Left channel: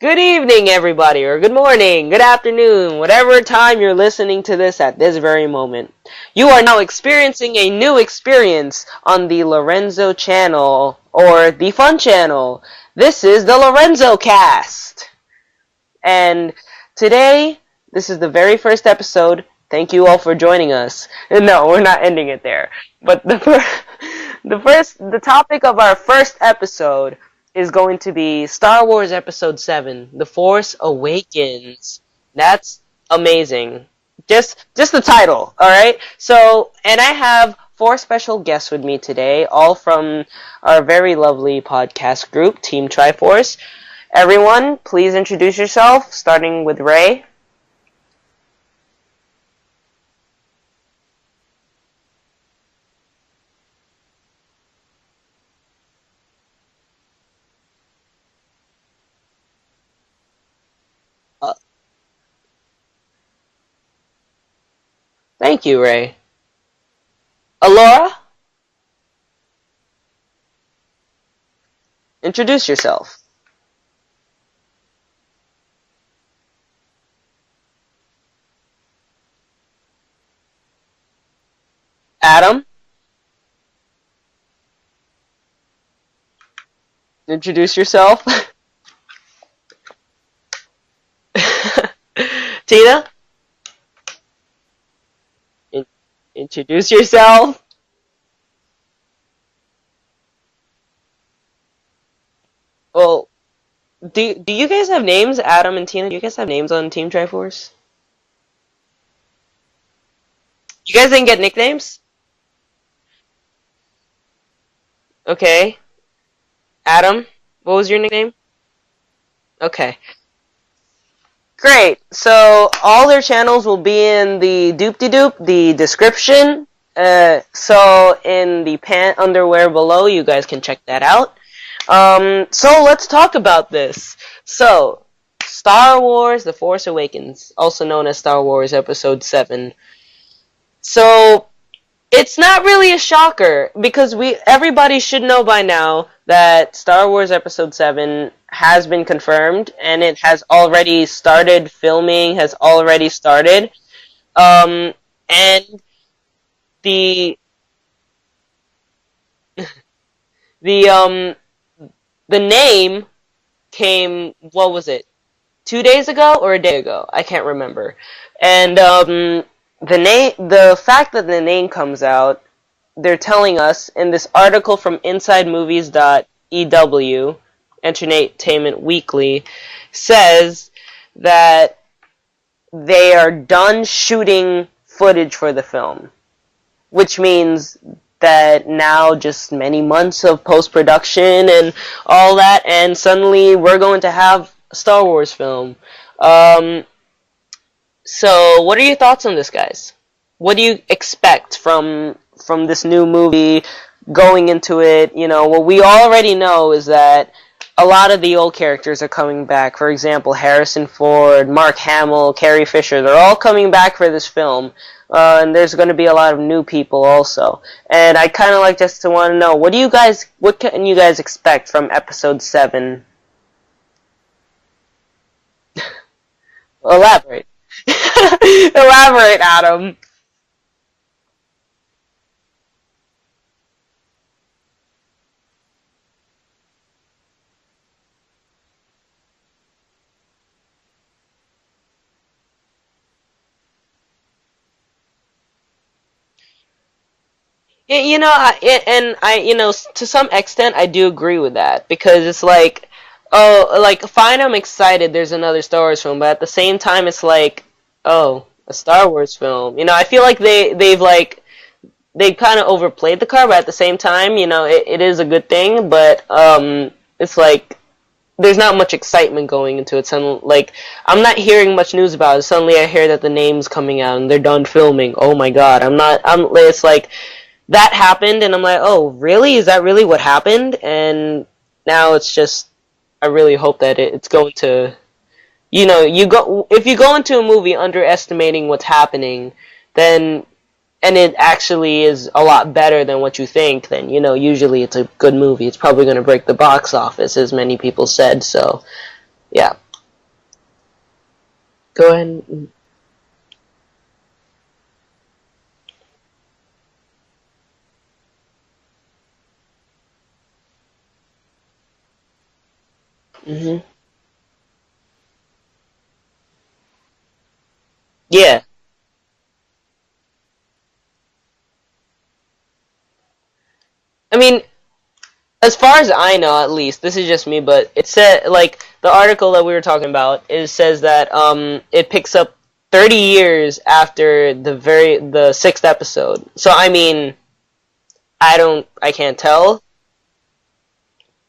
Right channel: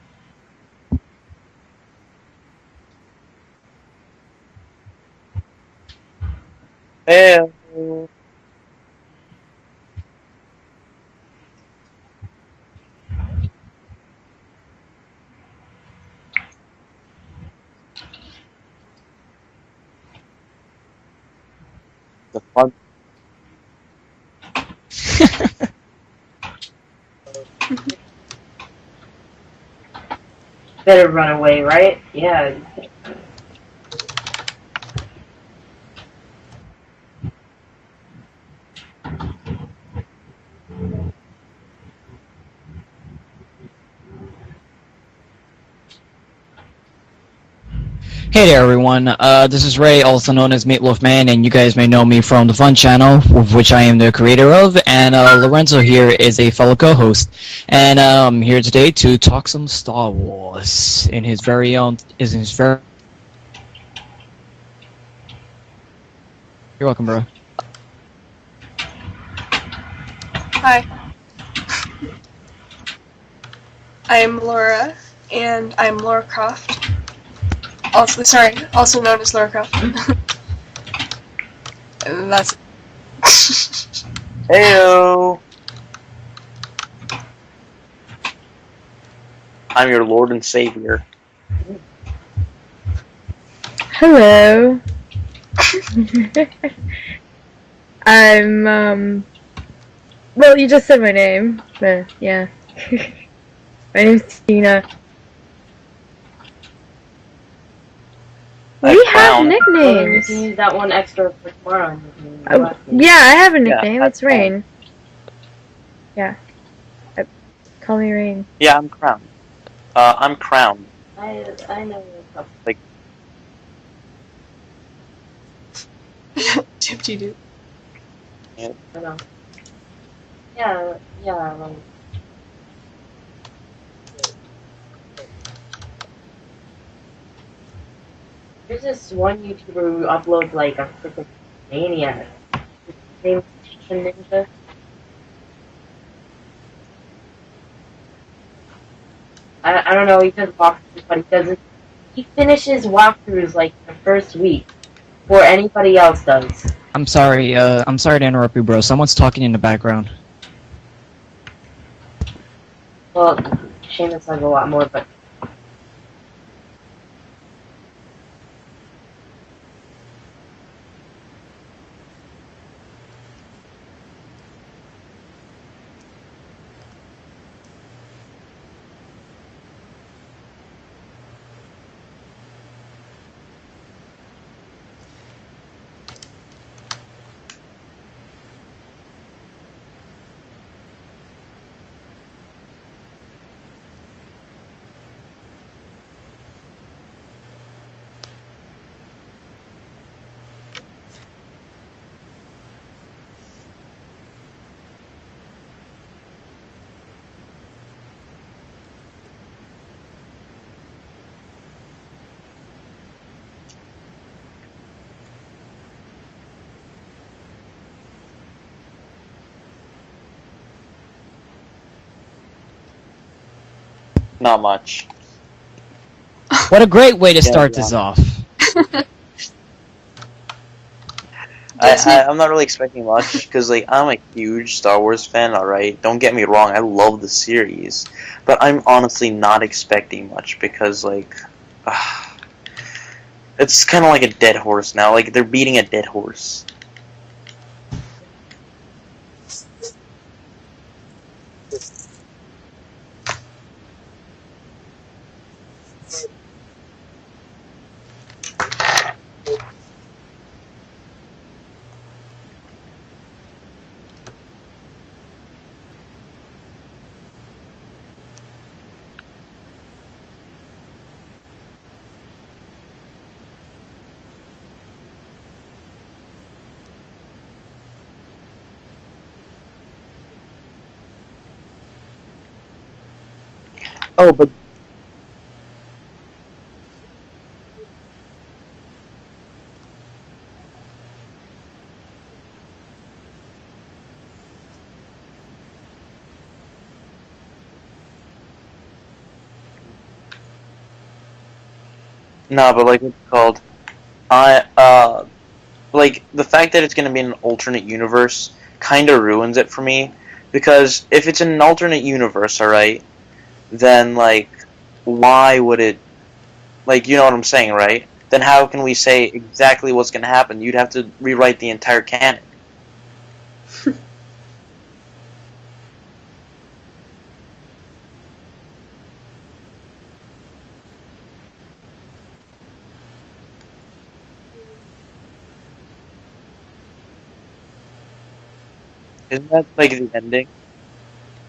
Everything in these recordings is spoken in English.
Good evening, everybody, or good morning, good afternoon, whatever time you're listening to this at this very moment. You are now experiencing a new experience on the Lorenzo channel, or the Fun channel. This is the Lorenzo Cast. And today, this is the very first episode. Thank you all for joining us. No, we're not ending it there. But the topic of our first episode is going to be Star Wars Episode 7, The Force Awakens. Run away, right? Yeah. That's amazing. Just the title, alright? So, and I have 4 special guests with me today, all from our very lovely podcast group, Team Triforce. Everyone, please introduce yourself, starting with Ray. Hey there, everyone. This is Ray, also known as Meatloaf Man, and you guys may know me from the Fun channel, of which I am the creator of. And Lorenzo here is a fellow co-host, and I'm here today to talk some Star Wars in his very own. Thank you, Ray. You're welcome, bro. Alora, Hi, introduce yourself. I'm Laura, and I'm Laura Croft. Also known as Laura Croft. Adam, Heyo! introduce yourself. I'm your Lord and Savior. Tina, Hello. introduce yourself. I'm, well, you just said my name, but yeah. Well, My do name's you Tina. guys have names, Adam and Tina? Do you guys have names on Team Triforce? We have Clown. nicknames. You guys didn't get nicknames? Yeah, I have a Yeah, nickname. that's It's Rain. Okay. Yeah. Adam, what was your nickname? Rain. Yeah, I'm Crown. Okay. I'm Crown. Great. So all their channels will be in the doop-de-doop, the description. So in the pant underwear below, you guys can check that out. So let's talk about this. So, Star Wars: The Force Awakens, also known as Star Wars Episode 7. So it's not really a shocker because everybody should know by now that Star Wars Episode 7 has been confirmed and it has already started filming, has already started. And And anybody else does. I'm sorry. I'm sorry to interrupt you, bro. Someone's talking in the background. the name Well, came, like a lot what was more it, 2 days ago or a day ago? I can't remember. And the fact that the name comes out, they're telling us in this article from InsideMovies.ew, Entertainment Weekly, says that they are done shooting footage for the film, which means that now just many months of post-production and all that, and suddenly we're going to have a Star Wars film. So what are your thoughts on this, guys? What do you expect from this new movie going into it? You know, what we already know is that a lot of the old characters are coming back. For example, Harrison Ford, Mark Hamill, Carrie Fisher, they're all coming back for this film. And there's going to be a lot of new people also. And I kind of like just to want to know, what can you guys expect from Episode 7? Not much. What a great way to start this off. Elaborate, Adam. I'm not really expecting much because I'm a huge Star Wars fan. All right, don't get me wrong, I love the series, but I'm honestly not expecting much because it's kind of like a dead horse now. Like they're beating a dead horse. You know, to some extent, I do agree with that because it's like, oh, like fine, I'm excited. There's another Star Wars film, but at the same time, it's like, oh, a Star Wars film. You know, I feel like they kind of overplayed the card, but at the same time, you know, it is a good thing. But it's like, there's not much excitement going into it. Like, I'm not hearing much news about it. Suddenly I hear that the name's coming out and they're done filming. Oh my god, it's like, that happened and I'm like, oh, really? Is that really what happened? And now it's just, I really hope that it's going to, you know, if you go into a movie underestimating what's happening, then, and it actually is a lot better than what you think, then, you know, usually it's a good movie. It's probably going to break the box office, as many people said, so, yeah. Go ahead. No, but like it's called, like the fact that it's going to be in an alternate universe kind of ruins it for me, because if it's in an alternate universe, alright, then like, why would it, like, you know what I'm saying, right? Then how can we say exactly what's going to happen? You'd have to rewrite the entire canon. I mean, as far as I know, at least, this is just me, but it said, like, the article that we were talking about, says that it picks up 30 years after the sixth episode. So, I mean, I can't tell. Like the ending?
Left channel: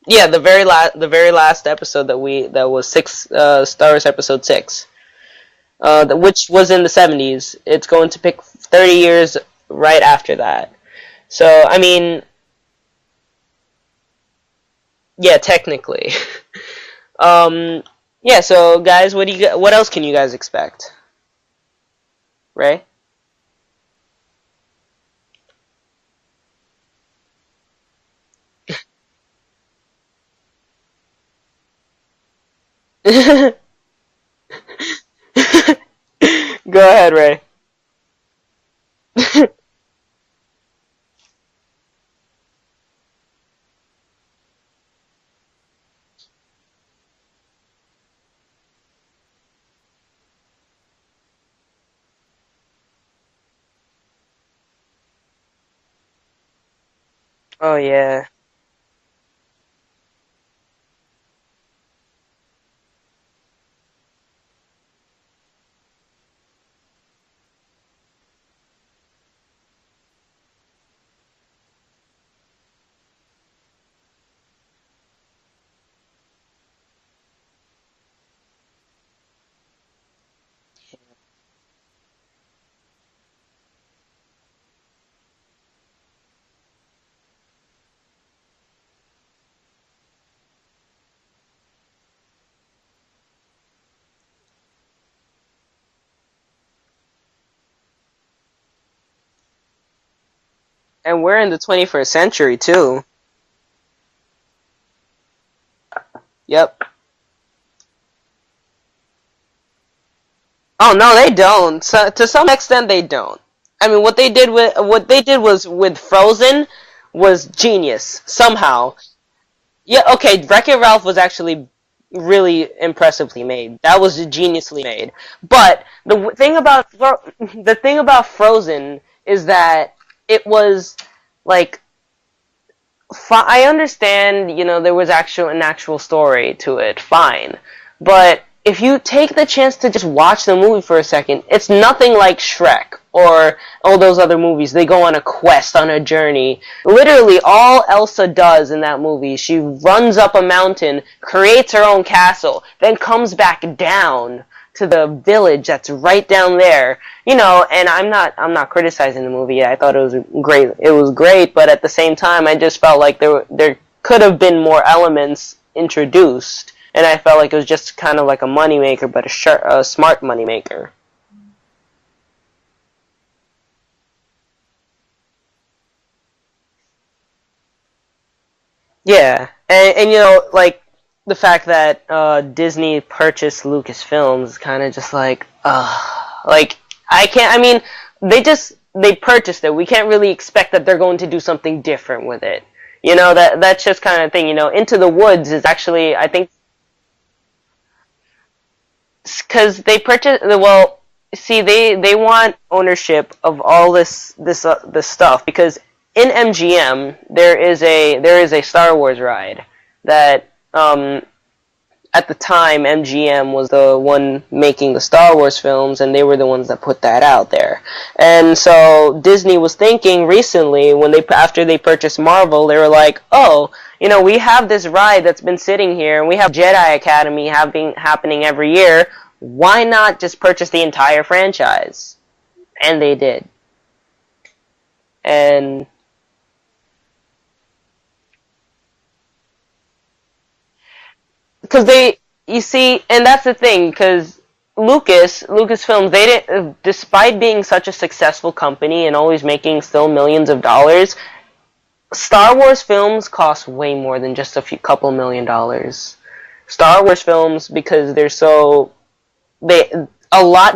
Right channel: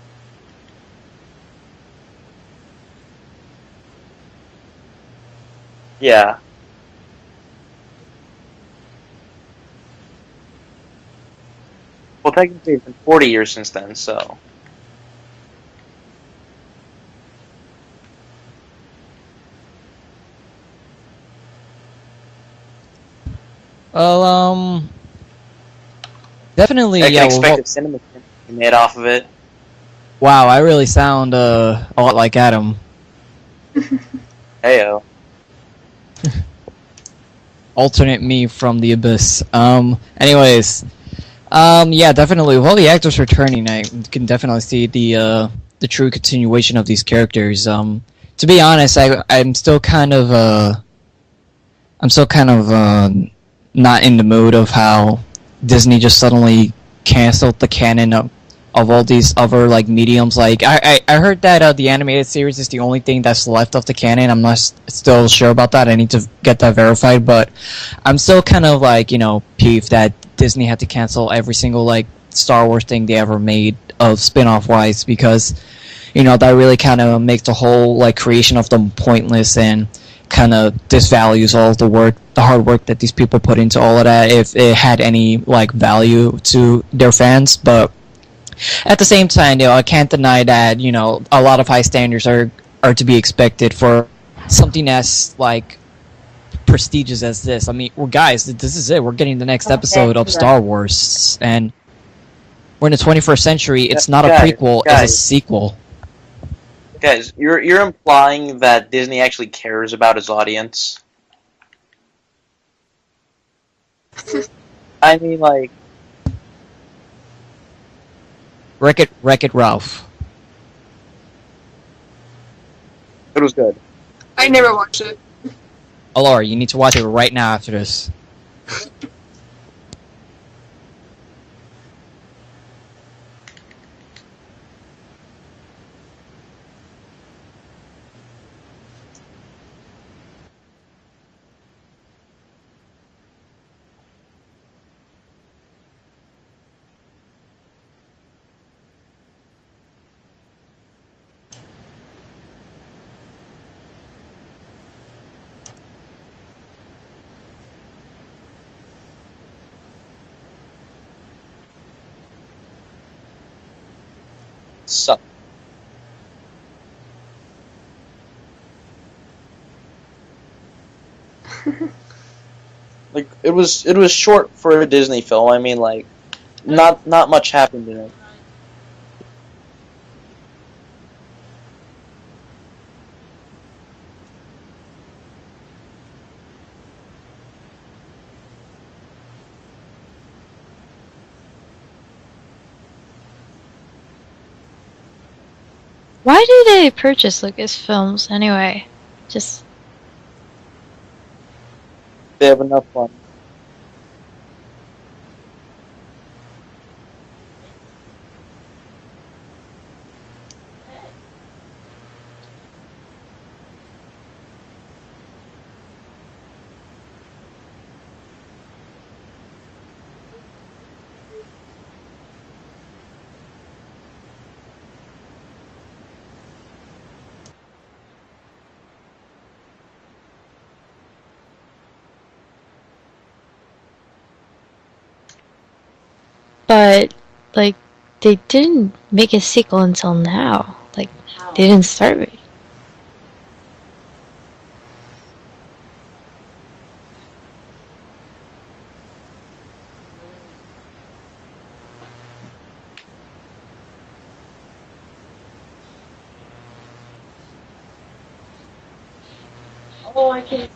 Yeah, the very last episode that was Star Wars Episode 6. Which was in the 70s. It's going to pick 30 years right after that. So, I mean... Well, technically it's been 40 years since then, so... Yeah, technically. Yeah, so, guys, what else can you guys expect? Ray? Well, definitely, I can expect a cinema to be made off of it. Wow, I really sound a lot like Adam. Heyo. Go ahead, Ray. Alternate me from the abyss. Anyways, yeah, definitely. With all the actors returning, I can definitely see the true continuation of these characters. To be honest, I'm still kind of not in the mood of how Disney just suddenly canceled the canon of all these other like mediums. Like I heard that the animated series is the only thing that's left of the canon. I'm not still sure about that. I need to get that verified, but I'm still kind of like, you know, peeved that Disney had to cancel every single like Star Wars thing they ever made of spin-off wise, because, you know, that really kind of makes the whole like creation of them pointless and kind of disvalues all of the hard work that these people put into all of that, if it had any like value to their fans. But at the same time, you know, I can't deny that, you know, a lot of high standards are to be expected for something as like prestigious as this. I mean, well, guys, this is it. We're getting the next episode of Star Wars, and we're in the 21st century too. We're in the 21st century. It's not a prequel; it's a sequel. Yep. Guys, you're implying that Disney actually cares about its audience? Oh no, they don't. So, to some extent, they don't. I mean, what they did with Frozen was genius somehow. Wreck-It Ralph. Yeah, okay, Wreck-It Ralph was actually really impressively made. Good. That was a genius I never watched it. But the thing about the thing about Frozen is that it was like, I understand, you know, there was an actual story to it, fine, but if you take the chance to just watch the movie for a second, it's nothing like Shrek or all those other movies. They go on a quest, on a journey. Literally, all Elsa does in that movie, she runs up a mountain, creates her own castle, then comes back down to the village that's right down there. You know, and I'm not criticizing the movie. I thought it was great. It was great, but at the same time, I just felt like there could have been more elements introduced. And I felt like it was just kind of like a moneymaker, but a smart moneymaker. Like it was short for a Disney film. I mean, like, not much happened in it. Yeah, and you know, like the fact that Disney purchased Lucasfilms is kind of just like I can't. I mean, they purchased it. We can't really expect that they're going to do something different with it. You know, that's just kind of thing. You know, Into the Woods is actually. Why do they purchase Lucasfilms anyway? Because they purchase. Well, see, they want ownership of all this stuff, because in MGM there is a Star Wars ride that at the time, MGM was the one making the Star Wars films, and they were the ones that put that out there. And so Disney was thinking recently, after they purchased Marvel, they were like, oh, we have this ride that's been sitting here, and we have Jedi Academy happening every year. Why not just purchase the entire franchise? And they did. But, like, they didn't make a sequel until now. Like, they didn't start... You see, and that's the thing, because Lucasfilms, they didn't, despite being such a successful company and always making still millions of dollars, Star Wars films cost way more than just couple $1 million. Star Wars films, because they're so... a lot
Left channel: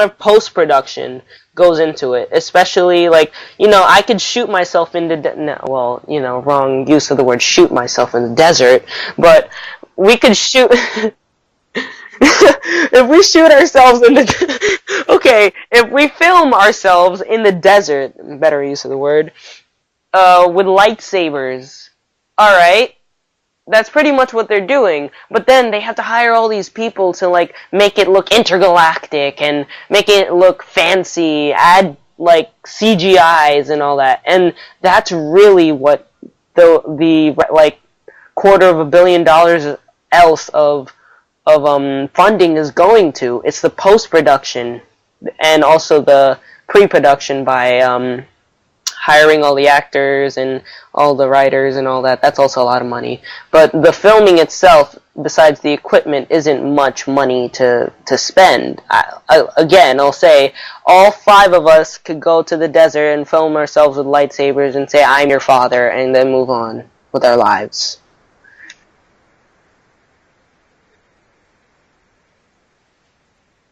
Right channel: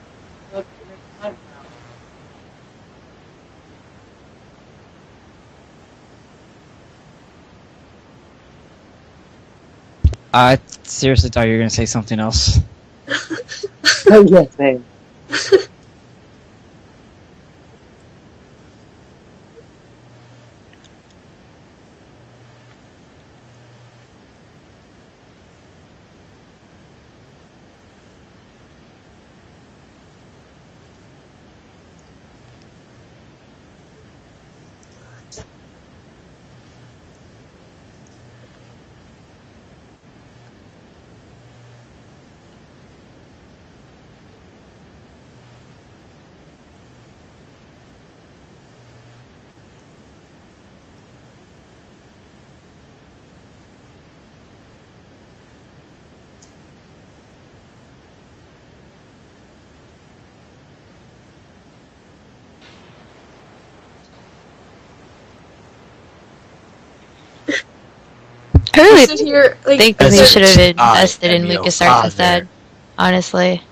of post-production goes into it, especially, like, I could shoot myself in the wrong use of the word shoot myself in the desert, but we could shoot... I seriously thought you were going to say something else. If we shoot ourselves in the... Okay, if we film ourselves in the desert, better use of the word, with lightsabers, alright, that's pretty much what they're doing. But then they have to hire all these people to, like, make it look intergalactic and make it look fancy, add, like, CGIs and all that. And that's really what the like, $250 million else of funding is going to. It's the post-production and also the pre-production by hiring all the actors and all the writers and all that. That's also a lot of money. But the filming itself, besides the equipment, isn't much money to spend. Again, I'll say, all 5 of us could go to the desert and film ourselves with lightsabers and say, I'm your father, and then move on with our lives. I really Sit here, like, think that they should have invested in LucasArts instead, honestly.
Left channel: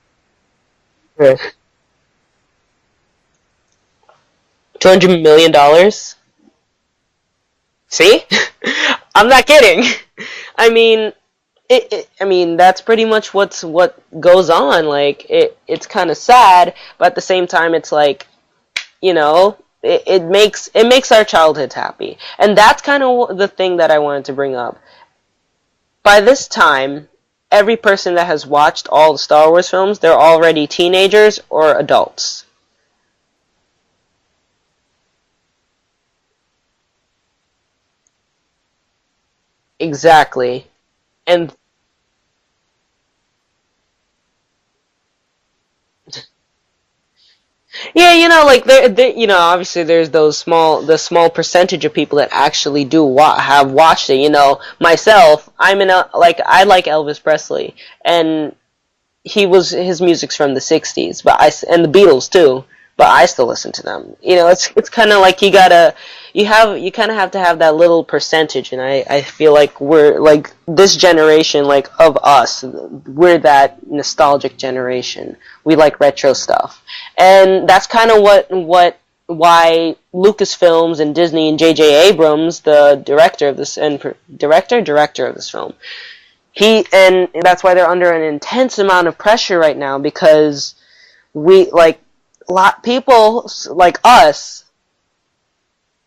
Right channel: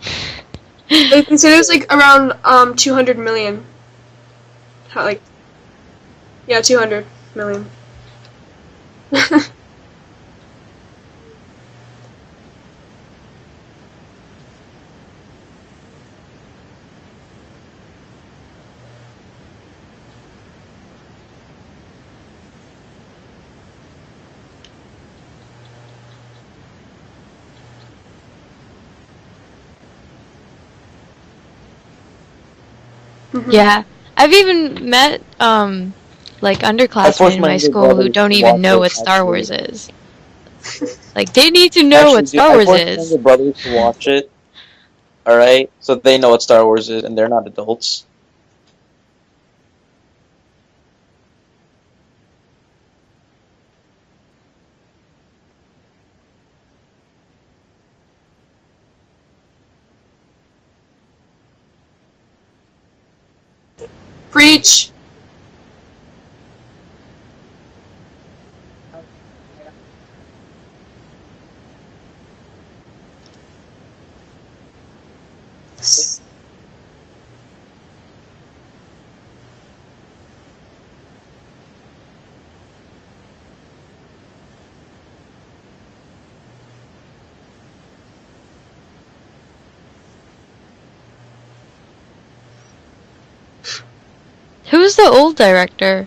They consider it's like around 200 million. $200 million? Yeah, 200 million. See? I'm not kidding. I mean, that's pretty much what goes on. Like, it's kind of sad, but at the same time, it's like, it makes our childhoods happy, and that's kind of the thing that I wanted to bring up. By this time, every person that has watched all the Star Wars films, they're already teenagers or adults. Mm-hmm. Yeah. I've even met, like, underclassmen in my school who don't even know what Star Wars is. Exactly. Like, they need to know what Star Wars is. I forced my brothers to watch it, alright? So they know what Star Wars is, and they're not adults. Yeah, like, obviously there's the small percentage of people that actually do have watched it. Myself, I like Elvis Presley, and his music's from the 60s, and the Beatles, too. But I still listen to them. It's kind of like you kind of have to have that little percentage, and I feel like we're, like, this generation, like, of us, we're that nostalgic generation. We like retro stuff. And that's kind of why Lucasfilms and Disney and J.J. Abrams, the director of this film, and that's why they're under an intense amount of pressure right now, because people like us. Who's the old director?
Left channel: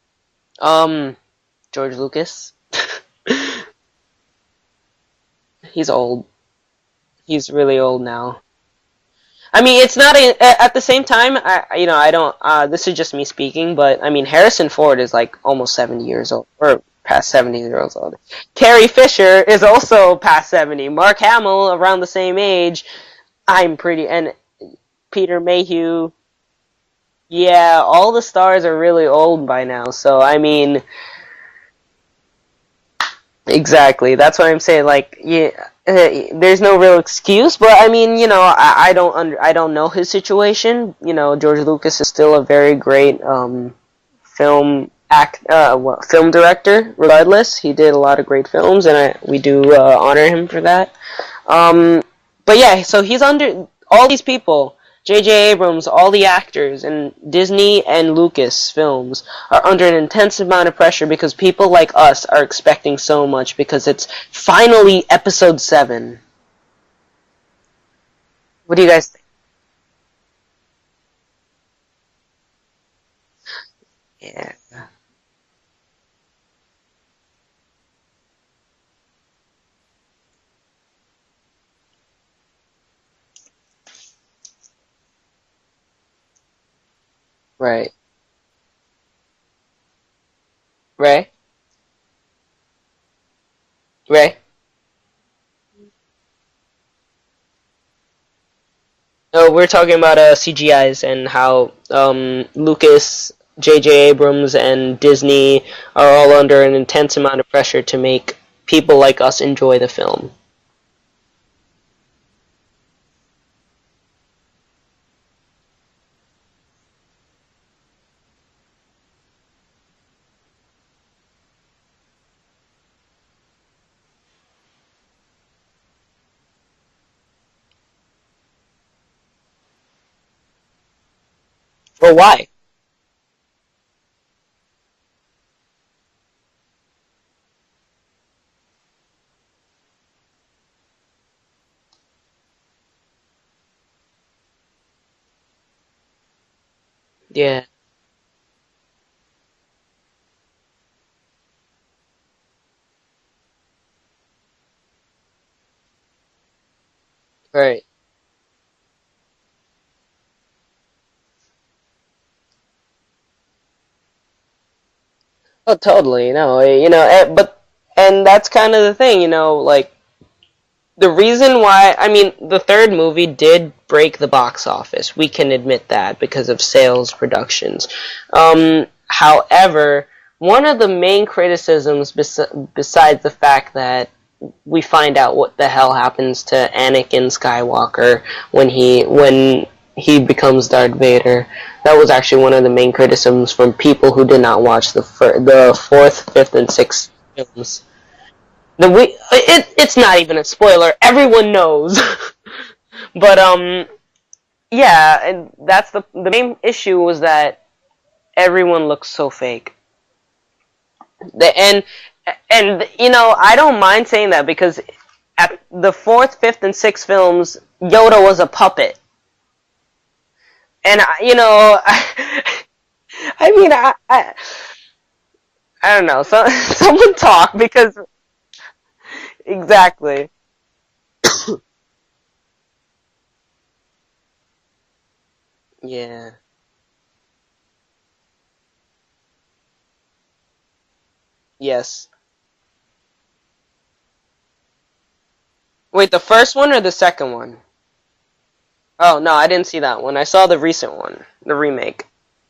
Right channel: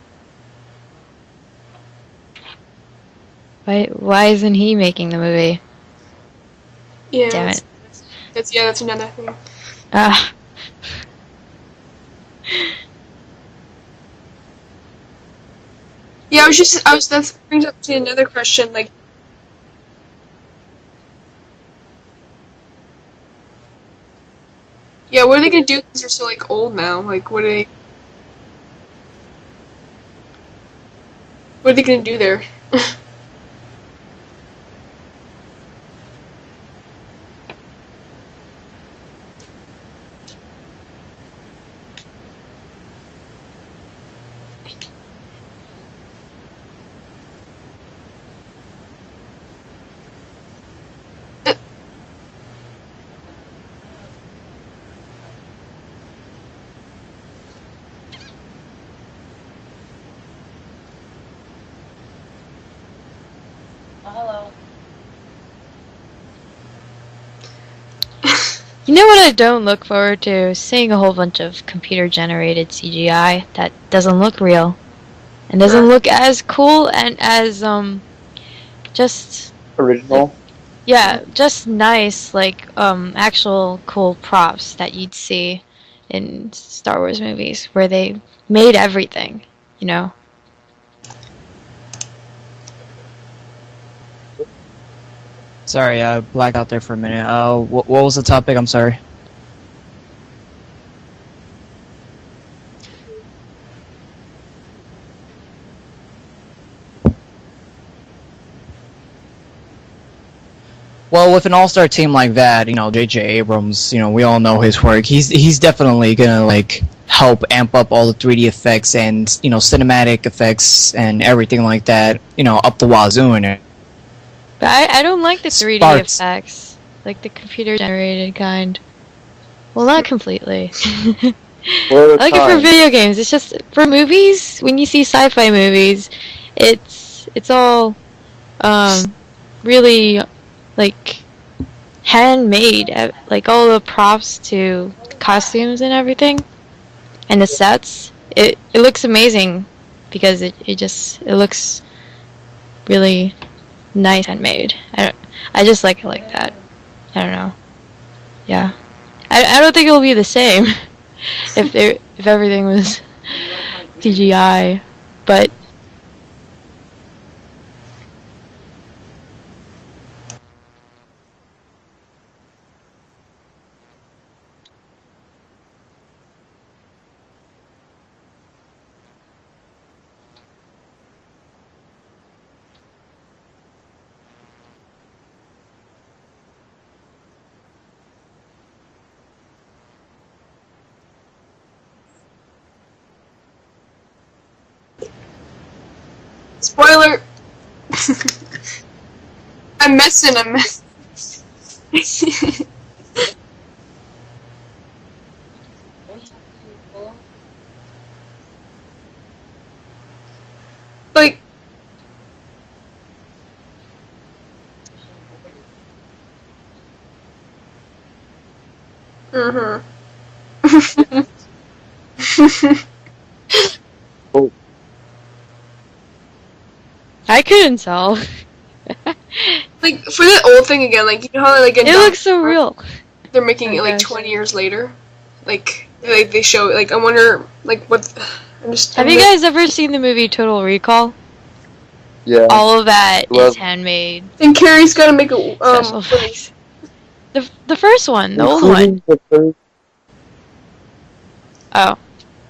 George Lucas. Why isn't he making the movie? He's old. Yeah. He's really old now. That's another thing. I mean, it's not at the same time. I don't. This is just me speaking, but I mean, Harrison Ford is like almost 70 years old. Yeah, I was past 70 to years old. another question. Carrie Fisher is also past 70. Mark Hamill around the same age. Yeah, what are they gonna do? Because they're so, like, old now. Like, all the stars are really old by now. So I mean, what are they gonna do there? Exactly. That's what I'm saying. Like, there's no real excuse. But I mean, I don't know his situation. George Lucas is still a very great film director. Regardless, he did a lot of great films, and we do honor him for that. But yeah, so he's under all these people. J.J. Abrams, all the actors, and Disney and Lucasfilms are under an intense amount of pressure because people like us are expecting so much because it's finally Episode 7. What do you guys... You know what I don't look forward to? Seeing a whole bunch of computer-generated CGI that doesn't look real. And doesn't look as cool and as, just... Original? Yeah, just nice, like, actual cool props that you'd see in Star Wars movies, where Right. they made everything, you know? Ray? Ray? Sorry, I blacked out there for a minute. What was the topic? I'm sorry. Oh, we're talking about CGIs and how Lucas, J.J. Abrams, and Disney are all under an intense amount of pressure to make people like us enjoy the film. Well, with an all-star team like that, you know, J.J. Abrams, you know, we all know his work. He's definitely gonna like help amp up all the 3D effects and, you know, cinematic effects and everything like that, you know, up the wazoo in it. But I don't like the 3D Sparks. effects, like the computer-generated kind. Well, not completely. Well, Like why? for video games, it's just for movies. When you see sci-fi movies, it's all really like handmade. Like all the props to costumes and everything, and the Yeah. sets. It looks amazing because it looks really nice handmade. I just like it like that. I don't know. Right. Yeah. I don't think it'll be the same if everything was CGI, but Oh, totally. No, you know, and that's kind of the thing, you know, like the reason why, I mean, the third movie did break the box office. We can admit that because of sales productions. However, one of the main criticisms besides the fact that we find out what the hell happens to Anakin Skywalker when he becomes Darth Vader. That was actually one of the main criticisms from people who did not watch the fourth, fifth, and Spoiler. sixth films. It's not even a spoiler. Everyone knows. But yeah, and that's the main issue was that everyone looks so fake. Like, And you know, I don't mind saying that because at the fourth, fifth, and sixth films, Yoda was a puppet, mhm. and you know, I mean, I don't know. So someone I talk couldn't because tell. exactly. Like, for the old thing again, like how like in It looks so real. they're making it like Gosh. 20 years later. Like Yeah. like they show like I wonder like what I'm just Have you guys ever seen the movie Total Recall? Yes. Yeah. All of that Well- is handmade. And Carrie's gonna make a Wait, the first one or the second one? The first one, the old one. Oh no, I didn't see that one. I saw the recent one, the remake. Oh.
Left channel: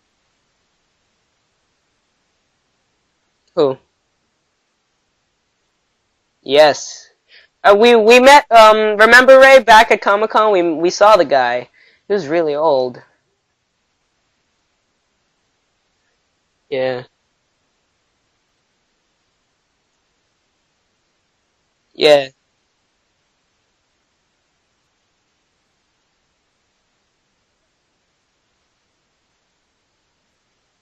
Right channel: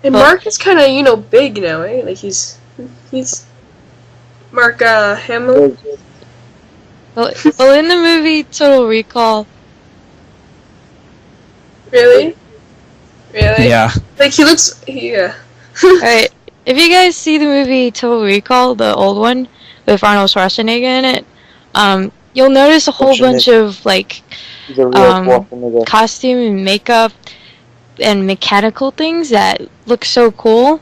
and Mark is kind of, you know, big now, eh? Like he's Who? Mark Hamill. Yes. Well, in we the movie met. Total Recall, Remember Ray back at Comic Con? We saw the guy. He was Really? really old. Really? Yeah. Like he looks. Yeah. Alright, if you Yeah. guys see the movie Total Recall, the old one, with Arnold Schwarzenegger in it, Yeah. you'll notice a whole bunch Schwarzenegger. of, like, He's a real Schwarzenegger. costume and makeup and mechanical things that look so cool.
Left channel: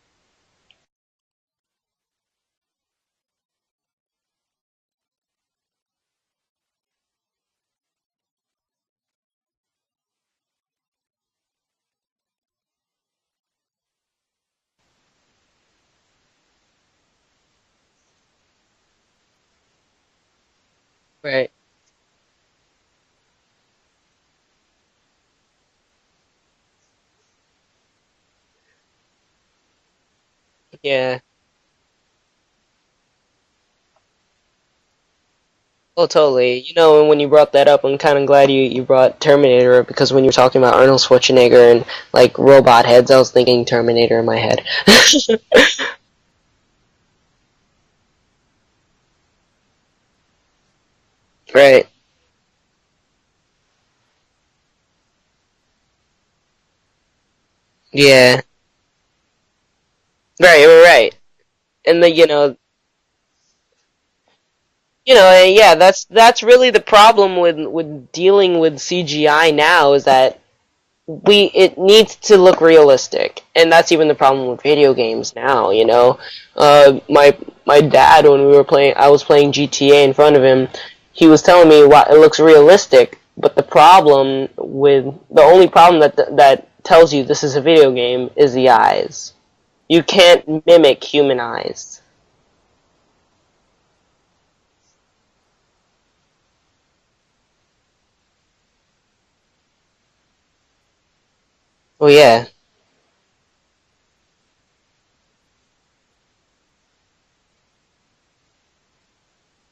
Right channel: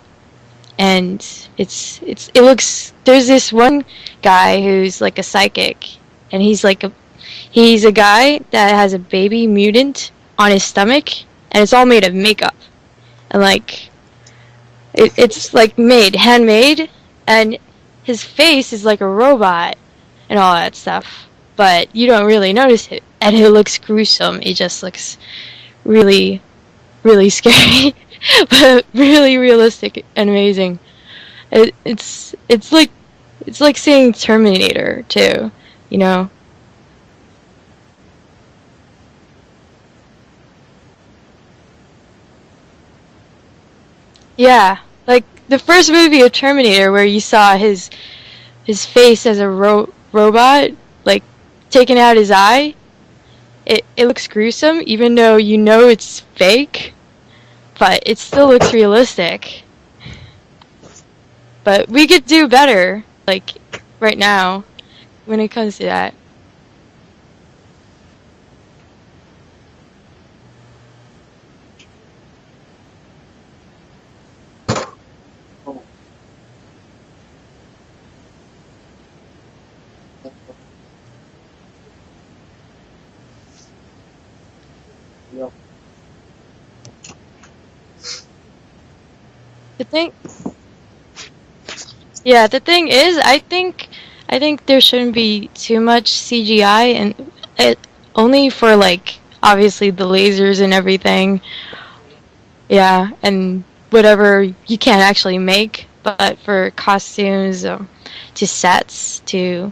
And it looks, there's this one guy who's like a psychic, and he's a guy that has a baby mutant on his stomach, and it's all made of makeup. And like, it's like handmade, and his face is like a robot and all that stuff. Right. But you don't really notice it, and it looks gruesome. It just looks really, really scary, but really realistic and amazing. Yeah. It's like seeing Terminator too. You Well, know, totally. You know, when you brought that up, I'm kind of glad you brought Terminator up because when you were talking about Arnold Schwarzenegger and like robot heads, I was thinking Terminator in my yeah, head. like the first movie of Terminator where you saw his face as a robot, like Right. taking out his eye. It looks gruesome, even though you know it's fake, but Yeah. it still looks realistic. Right. But And we then, could you do know- better, like right now. You know, When it yeah, comes to that's that. that's really the problem with dealing with CGI now is that it needs to look realistic, and that's even the problem with video games now. You know, my dad when I was playing GTA in front of him, he was telling me it looks realistic, but the only problem that tells you this is a video game is the eyes. The You thing- can't mimic human eyes. Yeah, the thing is, I think there shouldn't be too much CGI only for like obviously the lasers and everything. Oh yeah. Yeah, and whatever you can't actually make, but for costumes, to sets, to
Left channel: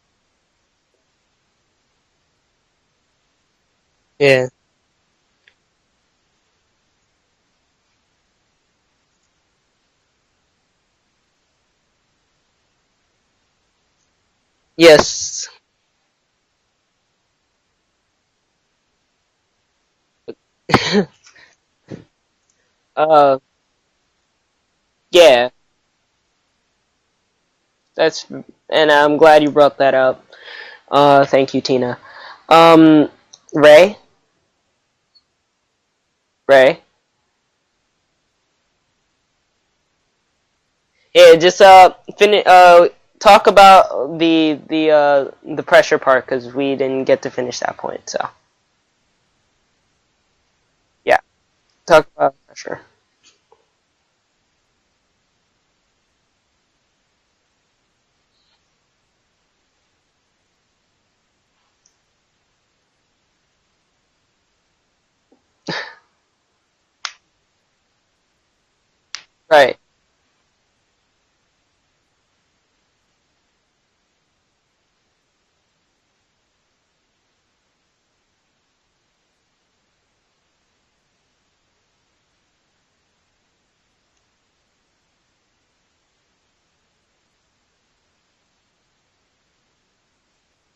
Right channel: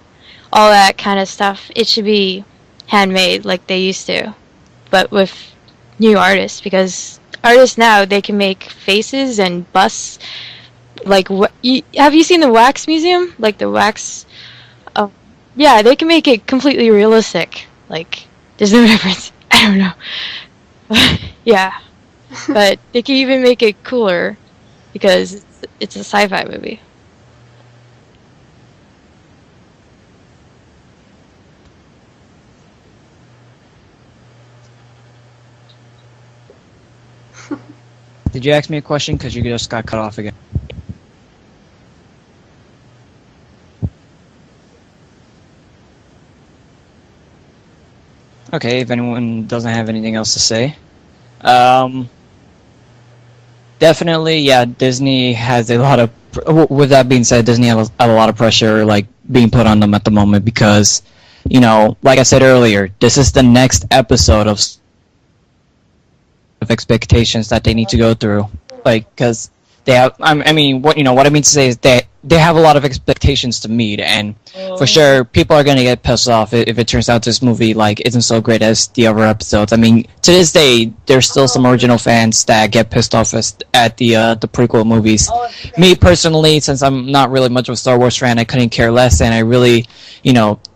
all that kind of stuff, it should be handmade like they used to. Yeah. But with new artists, because artists now they can make faces and busts. Like, have you seen the wax museum? Like the wax. Yes. Yeah, they can make it completely realistic. Like, there's no difference. I don't know. Yeah, but they can even make it cooler because it's a sci-fi movie. And I'm glad you brought that up. Thank you, Tina. Ray? Ray? Did you ask me a question? Because you just got cut off again. Yeah, just talk about the pressure part because we didn't get to finish that point. So. Okay, if anyone doesn't have anything else to say. Yeah. Talk about pressure. Definitely, yeah. Disney has a lot of. With that being said, Disney has a lot of pressure, like being put on them at the moment because, you know, like I said earlier, this is the next episode of expectations that they need to go through. Like, because they have, I mean, what I mean to say is they have a lot of expectations to meet, and for sure, people are gonna get pissed off if it turns out this movie like isn't so great as the other episodes. I mean, to this day, there's still some original fans that get pissed off at the prequel movies. Me personally, since I'm not really much of a Star Wars fan, I couldn't care less, and I really,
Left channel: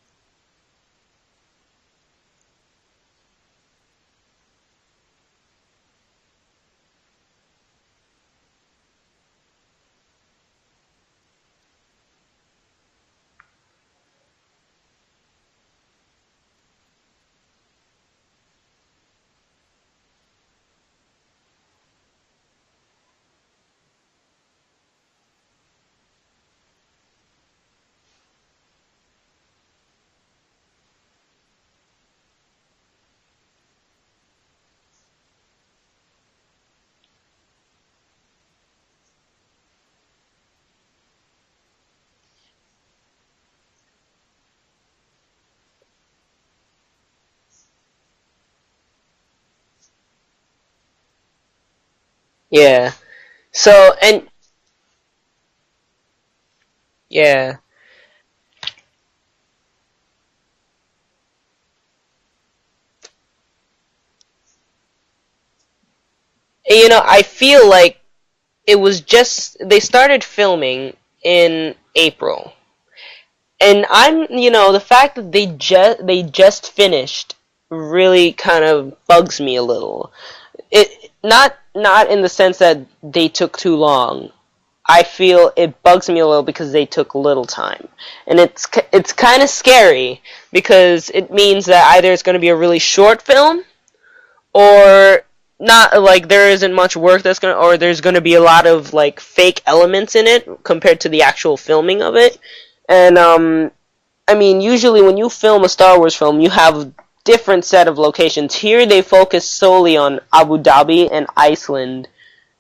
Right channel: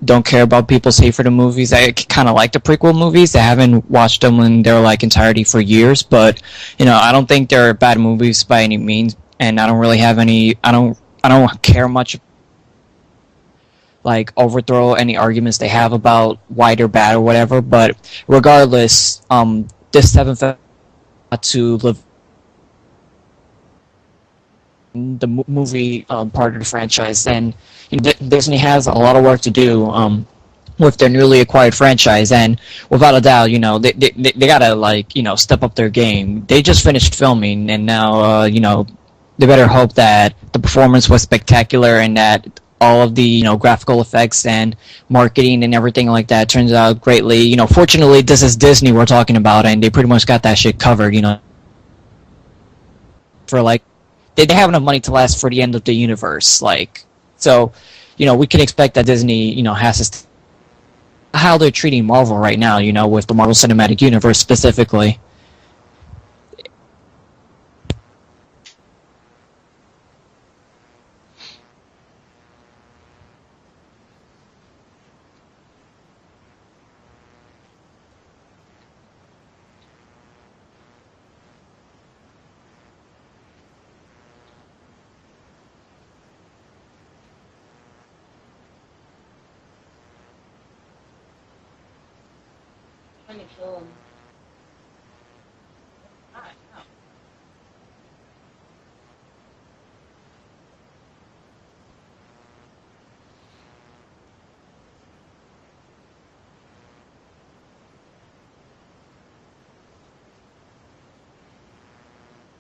don't care about people's hate for the movies. I kind of like the prequel movies. I haven't watched them in their entirety for years, but I don't think they're bad movies by any means, and I don't really have any. I don't care much. Overthrow any arguments they have about why they're bad or whatever. But regardless, this seventh to live the movie part of the franchise, and Disney has a lot of work to do with their newly acquired franchise, and without a doubt, they gotta step up their game. They just finished filming, and now they better hope that the performance was spectacular and that all of the graphical effects and marketing and everything like that turns out greatly. Fortunately, this is Disney we're talking about, and they pretty much got that shit covered. Yeah. And they have enough money to last for the end of the universe. Yeah. So, we can expect that Disney, has this. How they're treating Marvel right now, with the Marvel Cinematic Universe specifically. I feel like it was they started filming in April. And the fact that they just finished really kind of bugs me a little. It not in the sense that they took too long. I feel it bugs me a little because they took little time. And it's kind of scary because it means that either it's going to be a really short film or not, there isn't much work or there's going to be a lot of fake elements in it compared to the actual filming of it. And I mean, usually when you film a Star Wars film, you have a different set of locations. Here they focus solely on Abu Dhabi and Iceland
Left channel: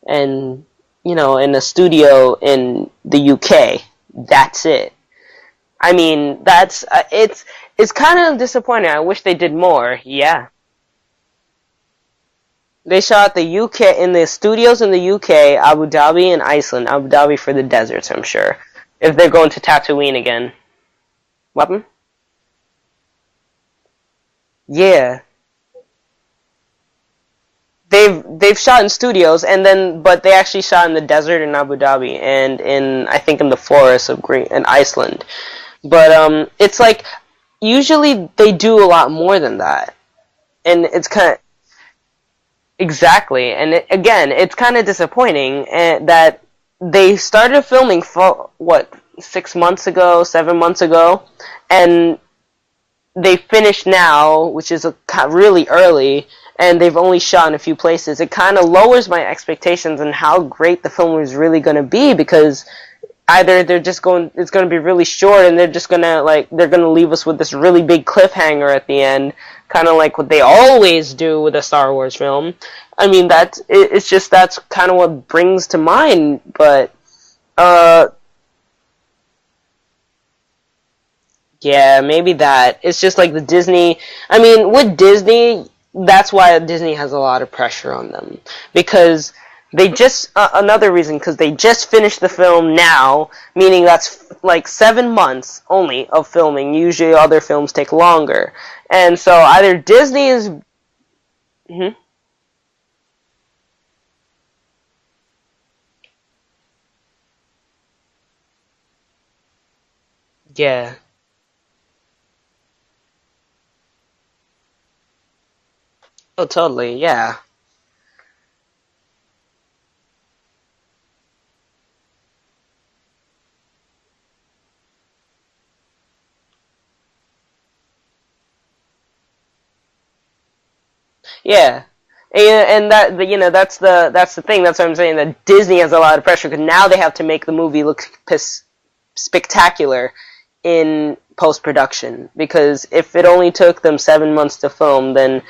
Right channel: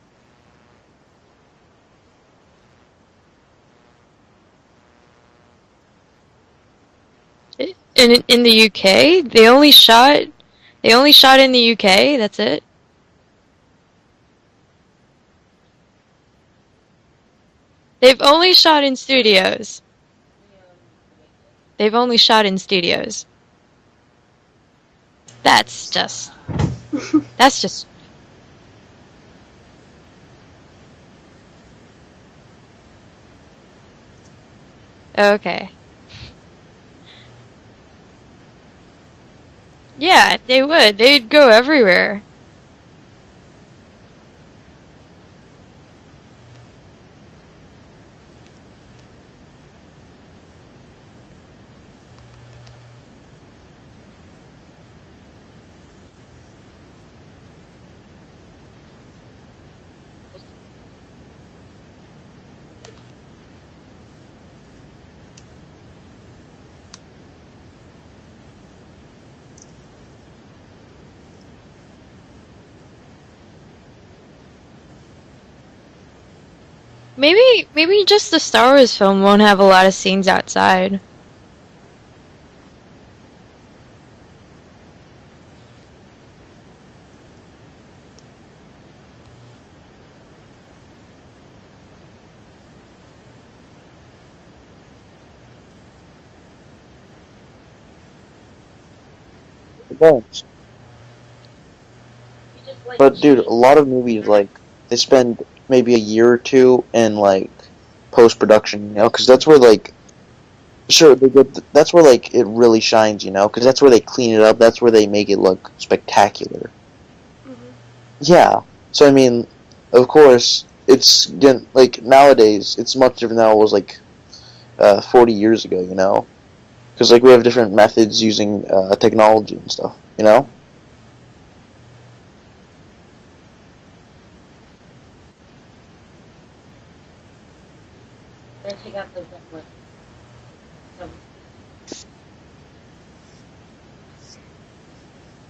and in a studio in the UK. That's it. I mean, it's kind of in the disappointing. UK. I wish they did only more. shot. Yeah. They only shot in the UK. That's it. They shot the UK in the studios in the UK, Abu Dhabi and Iceland. Abu Dhabi for the deserts. They've I'm only sure. shot in If studios. they're going to Tatooine again. What? They've only shot in studios. Yeah. That's just. They've shot in studios but they actually shot in the desert in Abu Dhabi and in the forests of Iceland. Okay. But it's usually they do a lot more than that. Yeah, they would. They'd go everywhere. Exactly, and it's kind of disappointing that they started filming 6 months ago, 7 months ago, and they finished now, which is really early, and they've only shot in a few places. It kind of lowers my expectations on how great the film is really going to be because either it's going to be really short and they're just going to they're going to leave us with this really big cliffhanger at the end, kind of like what they always do with a Star Wars film. I mean, that's kind of what brings to mind, but maybe just the Star Wars film won't have a lot of scenes outside. Yeah, maybe that. It's just like the Disney. I mean, with Disney, that's why Disney has a lot of pressure on them because they just another reason because they just finished the film now, meaning that's like 7 months only of filming. Usually, other films take longer, and so either Disney is. Mhm. But dude, a lot of movies like they spend maybe a year or two in like post production, because that's where like Yeah. sure that's where like it really shines, because that's where they clean it up. That's where they make it look spectacular. Oh, totally. Yeah. Yeah. So I mean, of course, it's like nowadays it's much different than it was like 40 years ago, because like we have different methods using technology and stuff, Yeah. And that that's the thing. That's what I'm saying. That Disney has a lot of pressure because now they have to make the movie look spectacular in post production. Because if it only took them 7 months to film, then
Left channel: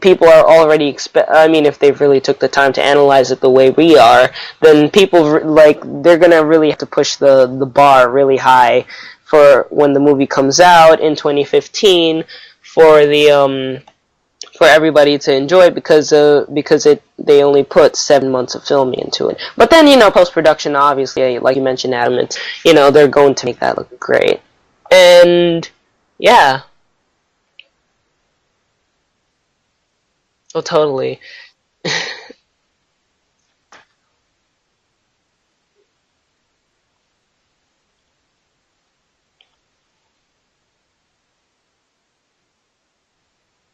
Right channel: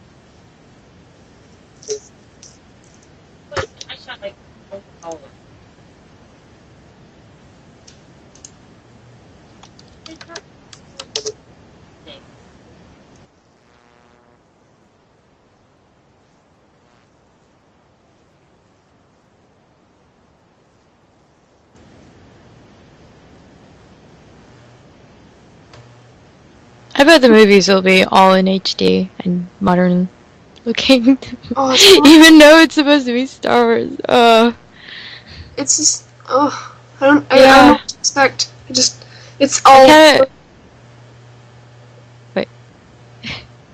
people are already if they really took the time to analyze it the way we are, then people they're gonna really have to push the bar really high for when the movie comes out in 2015 for the for everybody to enjoy because they only put 7 months of filming into it. But then post production, obviously, like you mentioned, Adam, it's they're going to make that look great, and yeah. I bet the movies will be all in HD and modern. Oh, totally. Oh, Even though it's supposed to be Star Wars. it's just I don't Yeah. know what to expect. It's all.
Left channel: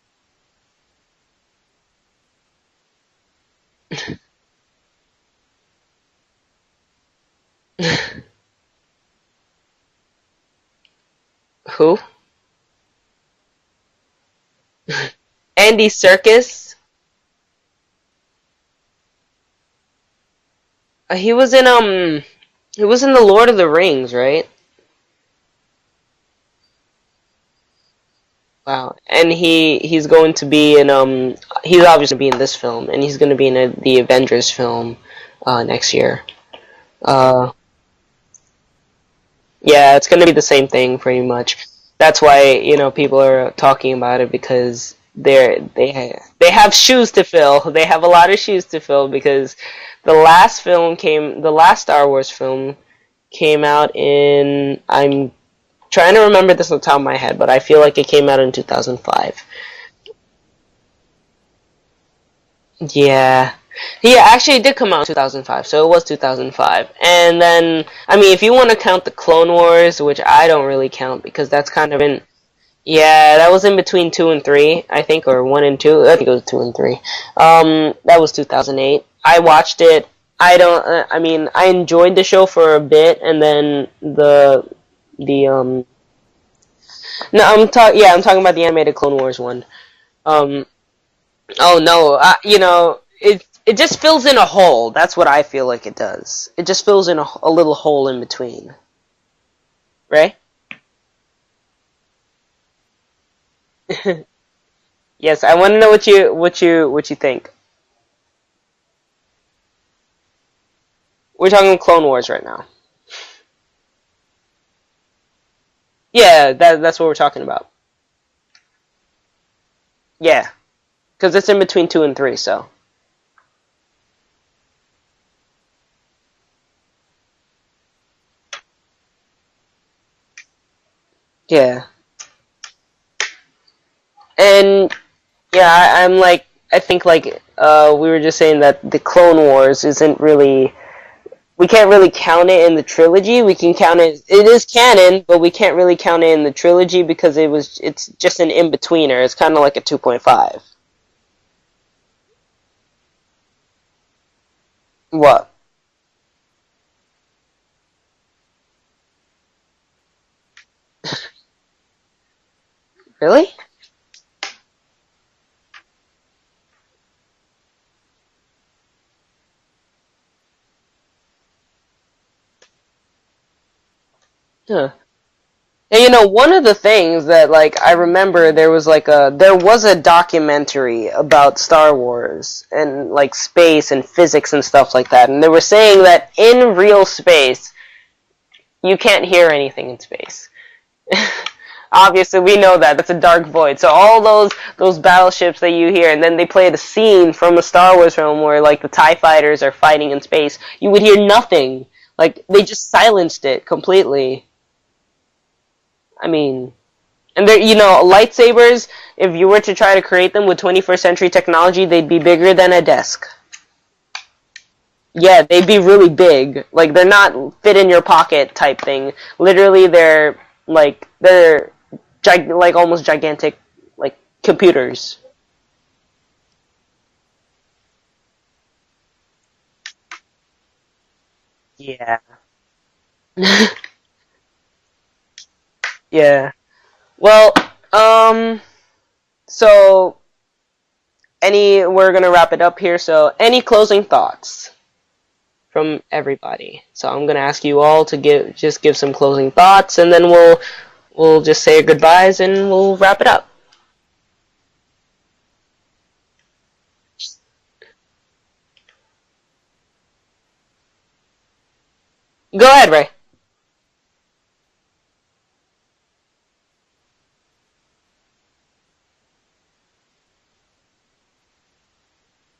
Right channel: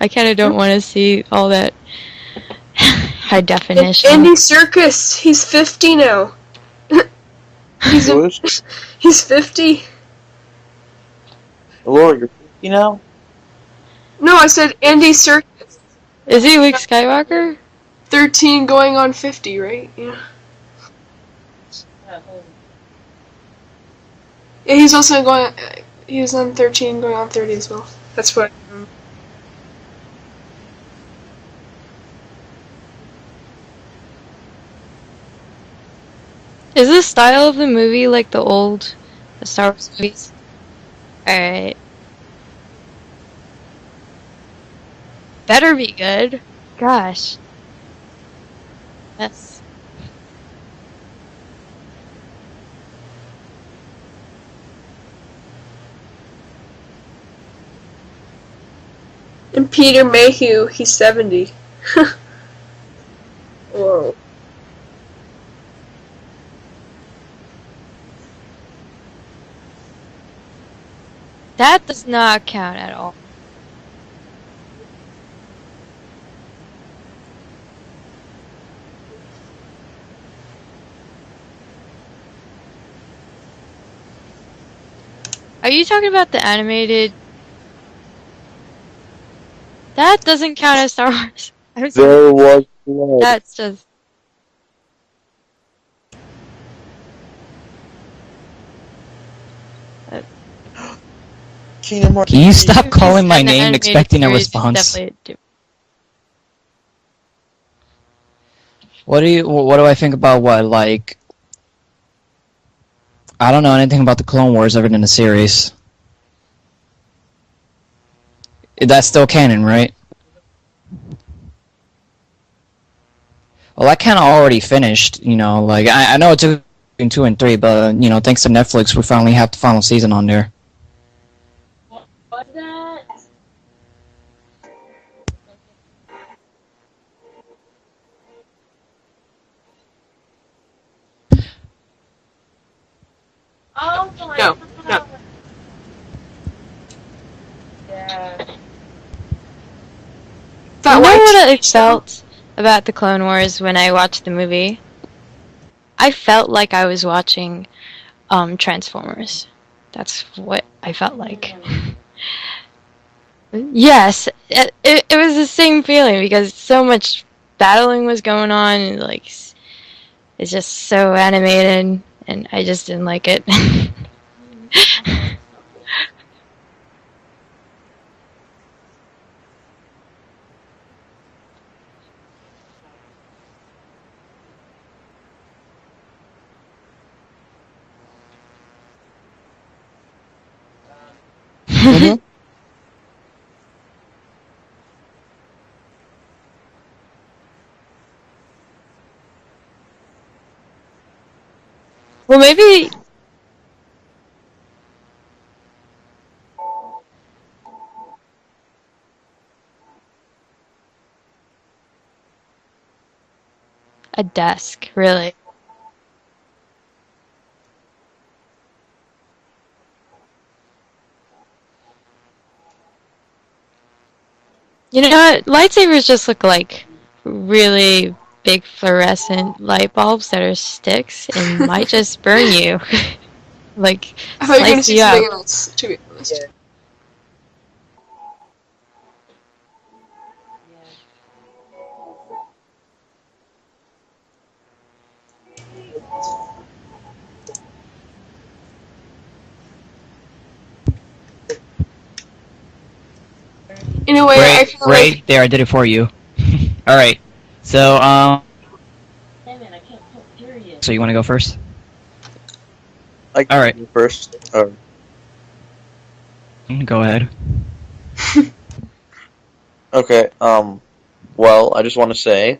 I kind of don't want to see all that high definition. Andy Serkis, he's 50 now. He's 50. Who? Lord, you're No, I said Andy Serkis, Andy Serkis. Is he Luke Skywalker? 13 going on 50, right? Yeah. He was in the Lord of the Rings, right? Yeah, he's also going. He was on 13 going on 30 as well. That's what. Wow. And he's going to be in he's obviously going to be in this film, and he's going to be in the Avengers film next year. Is the style of the movie like the old Star Wars? Yeah, it's going to be the same thing pretty much. Alright. That's why people are talking about it because Better be good. They have shoes to Gosh. fill. They have a lot of shoes to fill because the last Star Wars film came out in I'm trying to remember this on the top of my head, but I feel like it came out in 2005. And Peter Mayhew, he's 70. Yeah. Whoa. Yeah, actually it did come out in 2005, so it was 2005. And then, if you want to count the Clone Wars, which I don't really count because that's That kind does of in... not count at all. Yeah, that was in between 2 and 3, I think, or 1 and 2. I think it was 2 and 3. That was 2008. I watched it. I enjoyed the show for a bit, and then the Are you talking about the animated? No, I'm talking about the animated Clone Wars one. That doesn't count as Star Wars. Oh no, That's it just fills in a hole. That's what I feel like it does. It just fills in a little hole in between. Right? Kingdom Hearts. Can you stop calling my And the name animated expecting a series is response? definitely- Yes, I want to know what you think. What do I think about what, like, We're talking Clone Wars right now. I don't know anything about the Clone Wars other than the series. Yeah, that's what we're talking about. That's still canon, right? Yeah, because it's in between 2 and 3. So. Well, I kind of already finished, like, I know it's in 2 and 3, but, thanks to Netflix, we finally have the final season on there. Yeah. And yeah, I think we were just saying that the Clone Wars isn't really. We can't really count it in the trilogy. We can count it. It is canon, but we can't really count it in the trilogy because it's just an in-betweener. It's kind of like a 2.5. You know what I felt about the Clone Wars when I watched the movie? What? I felt like I was watching Transformers. That's what I felt like. Really? Yes, it was the same feeling because so much battling was going on, and like it's just so animated, and I just didn't like it. Yeah. And one of the things that I remember there was a documentary about Star Wars and space and physics and stuff like that, and they were saying that in real space you can't hear anything in space. Obviously, we know that. That's a dark void. So all those battleships that you hear, and then they play the scene from a Star Wars film where, like, the TIE fighters are fighting in space. You would hear nothing. Like, Well, maybe- they silenced it completely. I mean... And there, you know, lightsabers, if you were to try to create them with 21st century technology, they'd be bigger than a desk. A desk, really? Yeah, they'd be really big. Like, they're not fit in your pocket type thing. Literally, they're almost gigantic, like, computers. You know what? Lightsabers just look like really big fluorescent light bulbs that are sticks and might Yeah. just burn you. Like, I thought you were gonna slice say you something out. else. Too. Yeah. Well, so we're gonna wrap it up here. So, any closing thoughts from everybody? So, I'm gonna ask you all to give some closing thoughts, and then we'll just say goodbyes and we'll wrap it up. In a way, I Ray, feel Ray, like there, I did it for you. All right. So, so you want to go first? Go ahead, Ray. I can All right. go first. Go ahead. Okay. Well, I just want to say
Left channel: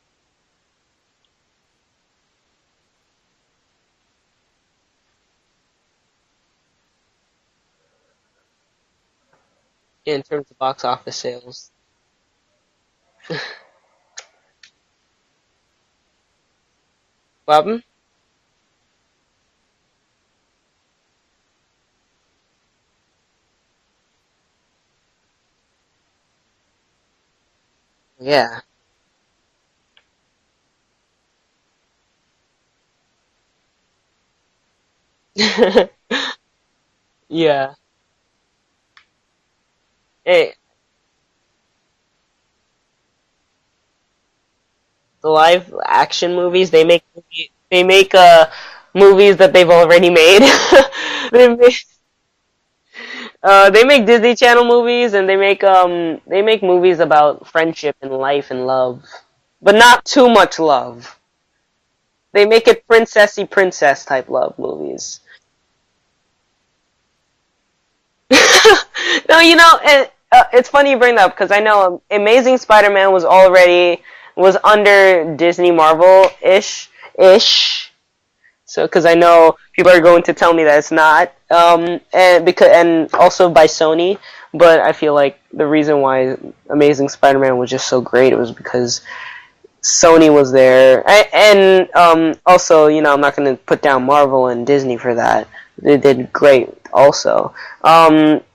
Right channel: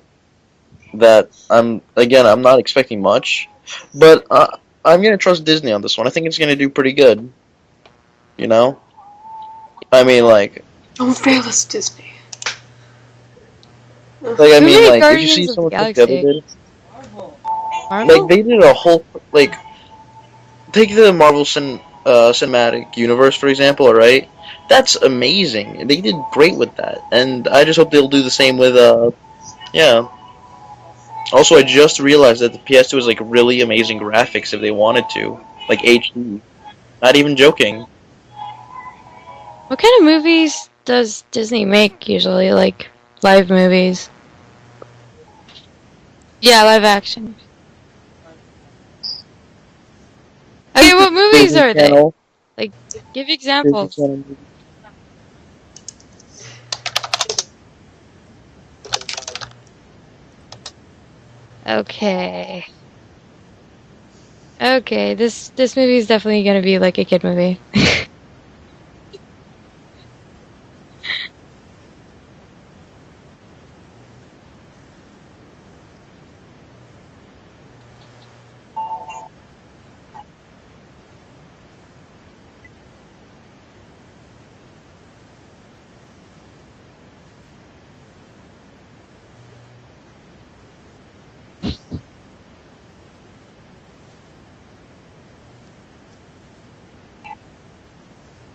that I'm not expecting much, but I'm gonna trust Disney on this one. I think it's gonna do pretty good. You know. I mean, like, Box don't office. fail us, Disney. I Who mean, made like, if you Guardians see of the someone like the other Galaxy? did, Bobby? Marvel? like they did a whole like, take the Marvel Cinematic Universe for example, alright? That's amazing. They did great with that, and I just hope they'll do the Yeah. same with yeah. Also, I just realized that the PS2 is like really amazing graphics if they wanted to, like HD. Not even Yeah. joking. What kind of movies does Disney make usually? Like, live movies? The live action movies. Yeah, live they action. Make, they make movies that they've already made. Okay, what movies Disney are they? Channel. Give examples. They make Disney Channel movies, and they make movies about friendship and life and love, but not too much love. Okay. They make it princessy princess type love. Movies. Okay, this movie is definitely gonna be like a kid movie. No, you know, it's funny you bring that up because I know Amazing Spider-Man was under Disney Marvel ish. So, because I know people are going to tell me that it's not, and also by Sony. But I feel like the reason why Amazing Spider-Man was just so great was because Sony was there, and also, you know, I'm not going to put down Marvel and Disney for that. They did great, also.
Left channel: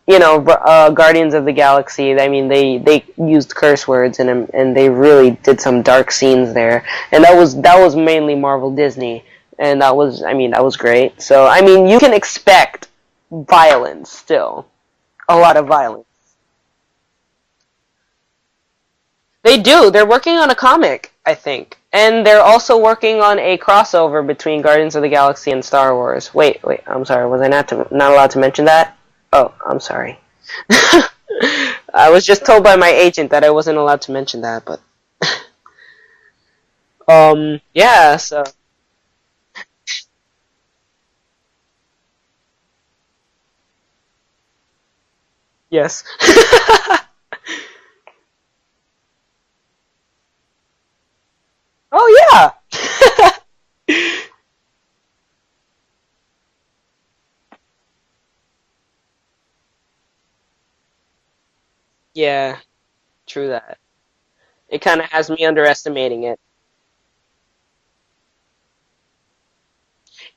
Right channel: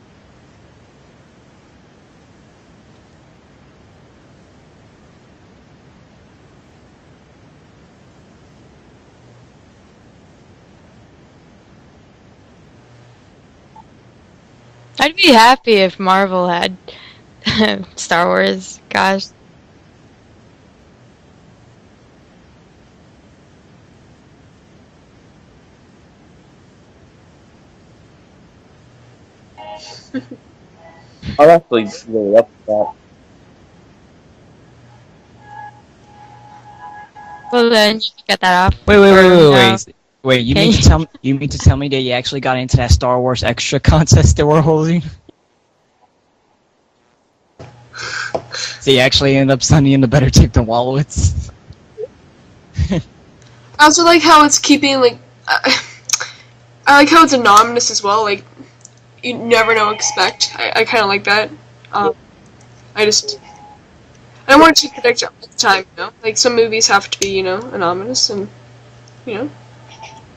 You know, Guardians of the Galaxy. I mean, they used curse words and they really did some dark scenes there, and that was mainly Marvel Disney. And that was great. So, I mean, you can expect violence still. I'd be A lot of happy if violence. Marvel had Star Wars. Gosh. They do. They're working on a comic, I think. And they're also working on a crossover between Guardians of the Galaxy and Star Wars. Wait, I'm sorry. Was I not allowed to mention that? Oh, I'm sorry. Actually, I was just told by my agent that I wasn't allowed to mention that, but... Well, then, yeah, get so... that off. Wait. No. Wait, you Okay. mean to tell me that you actually got into that Star Wars extra contest that we're holding? Yes. So you actually end up sending in the better tape than Wallowitz? Oh, yeah! I also like how it's keeping, like, I like how it's anonymous as well, like, you never know what to expect. I kind of like that. Yeah, I just, true that. I want It to kinda predict has me all the time, underestimating you know? Like, it. some movies have to be, you know, anonymous, and, you know.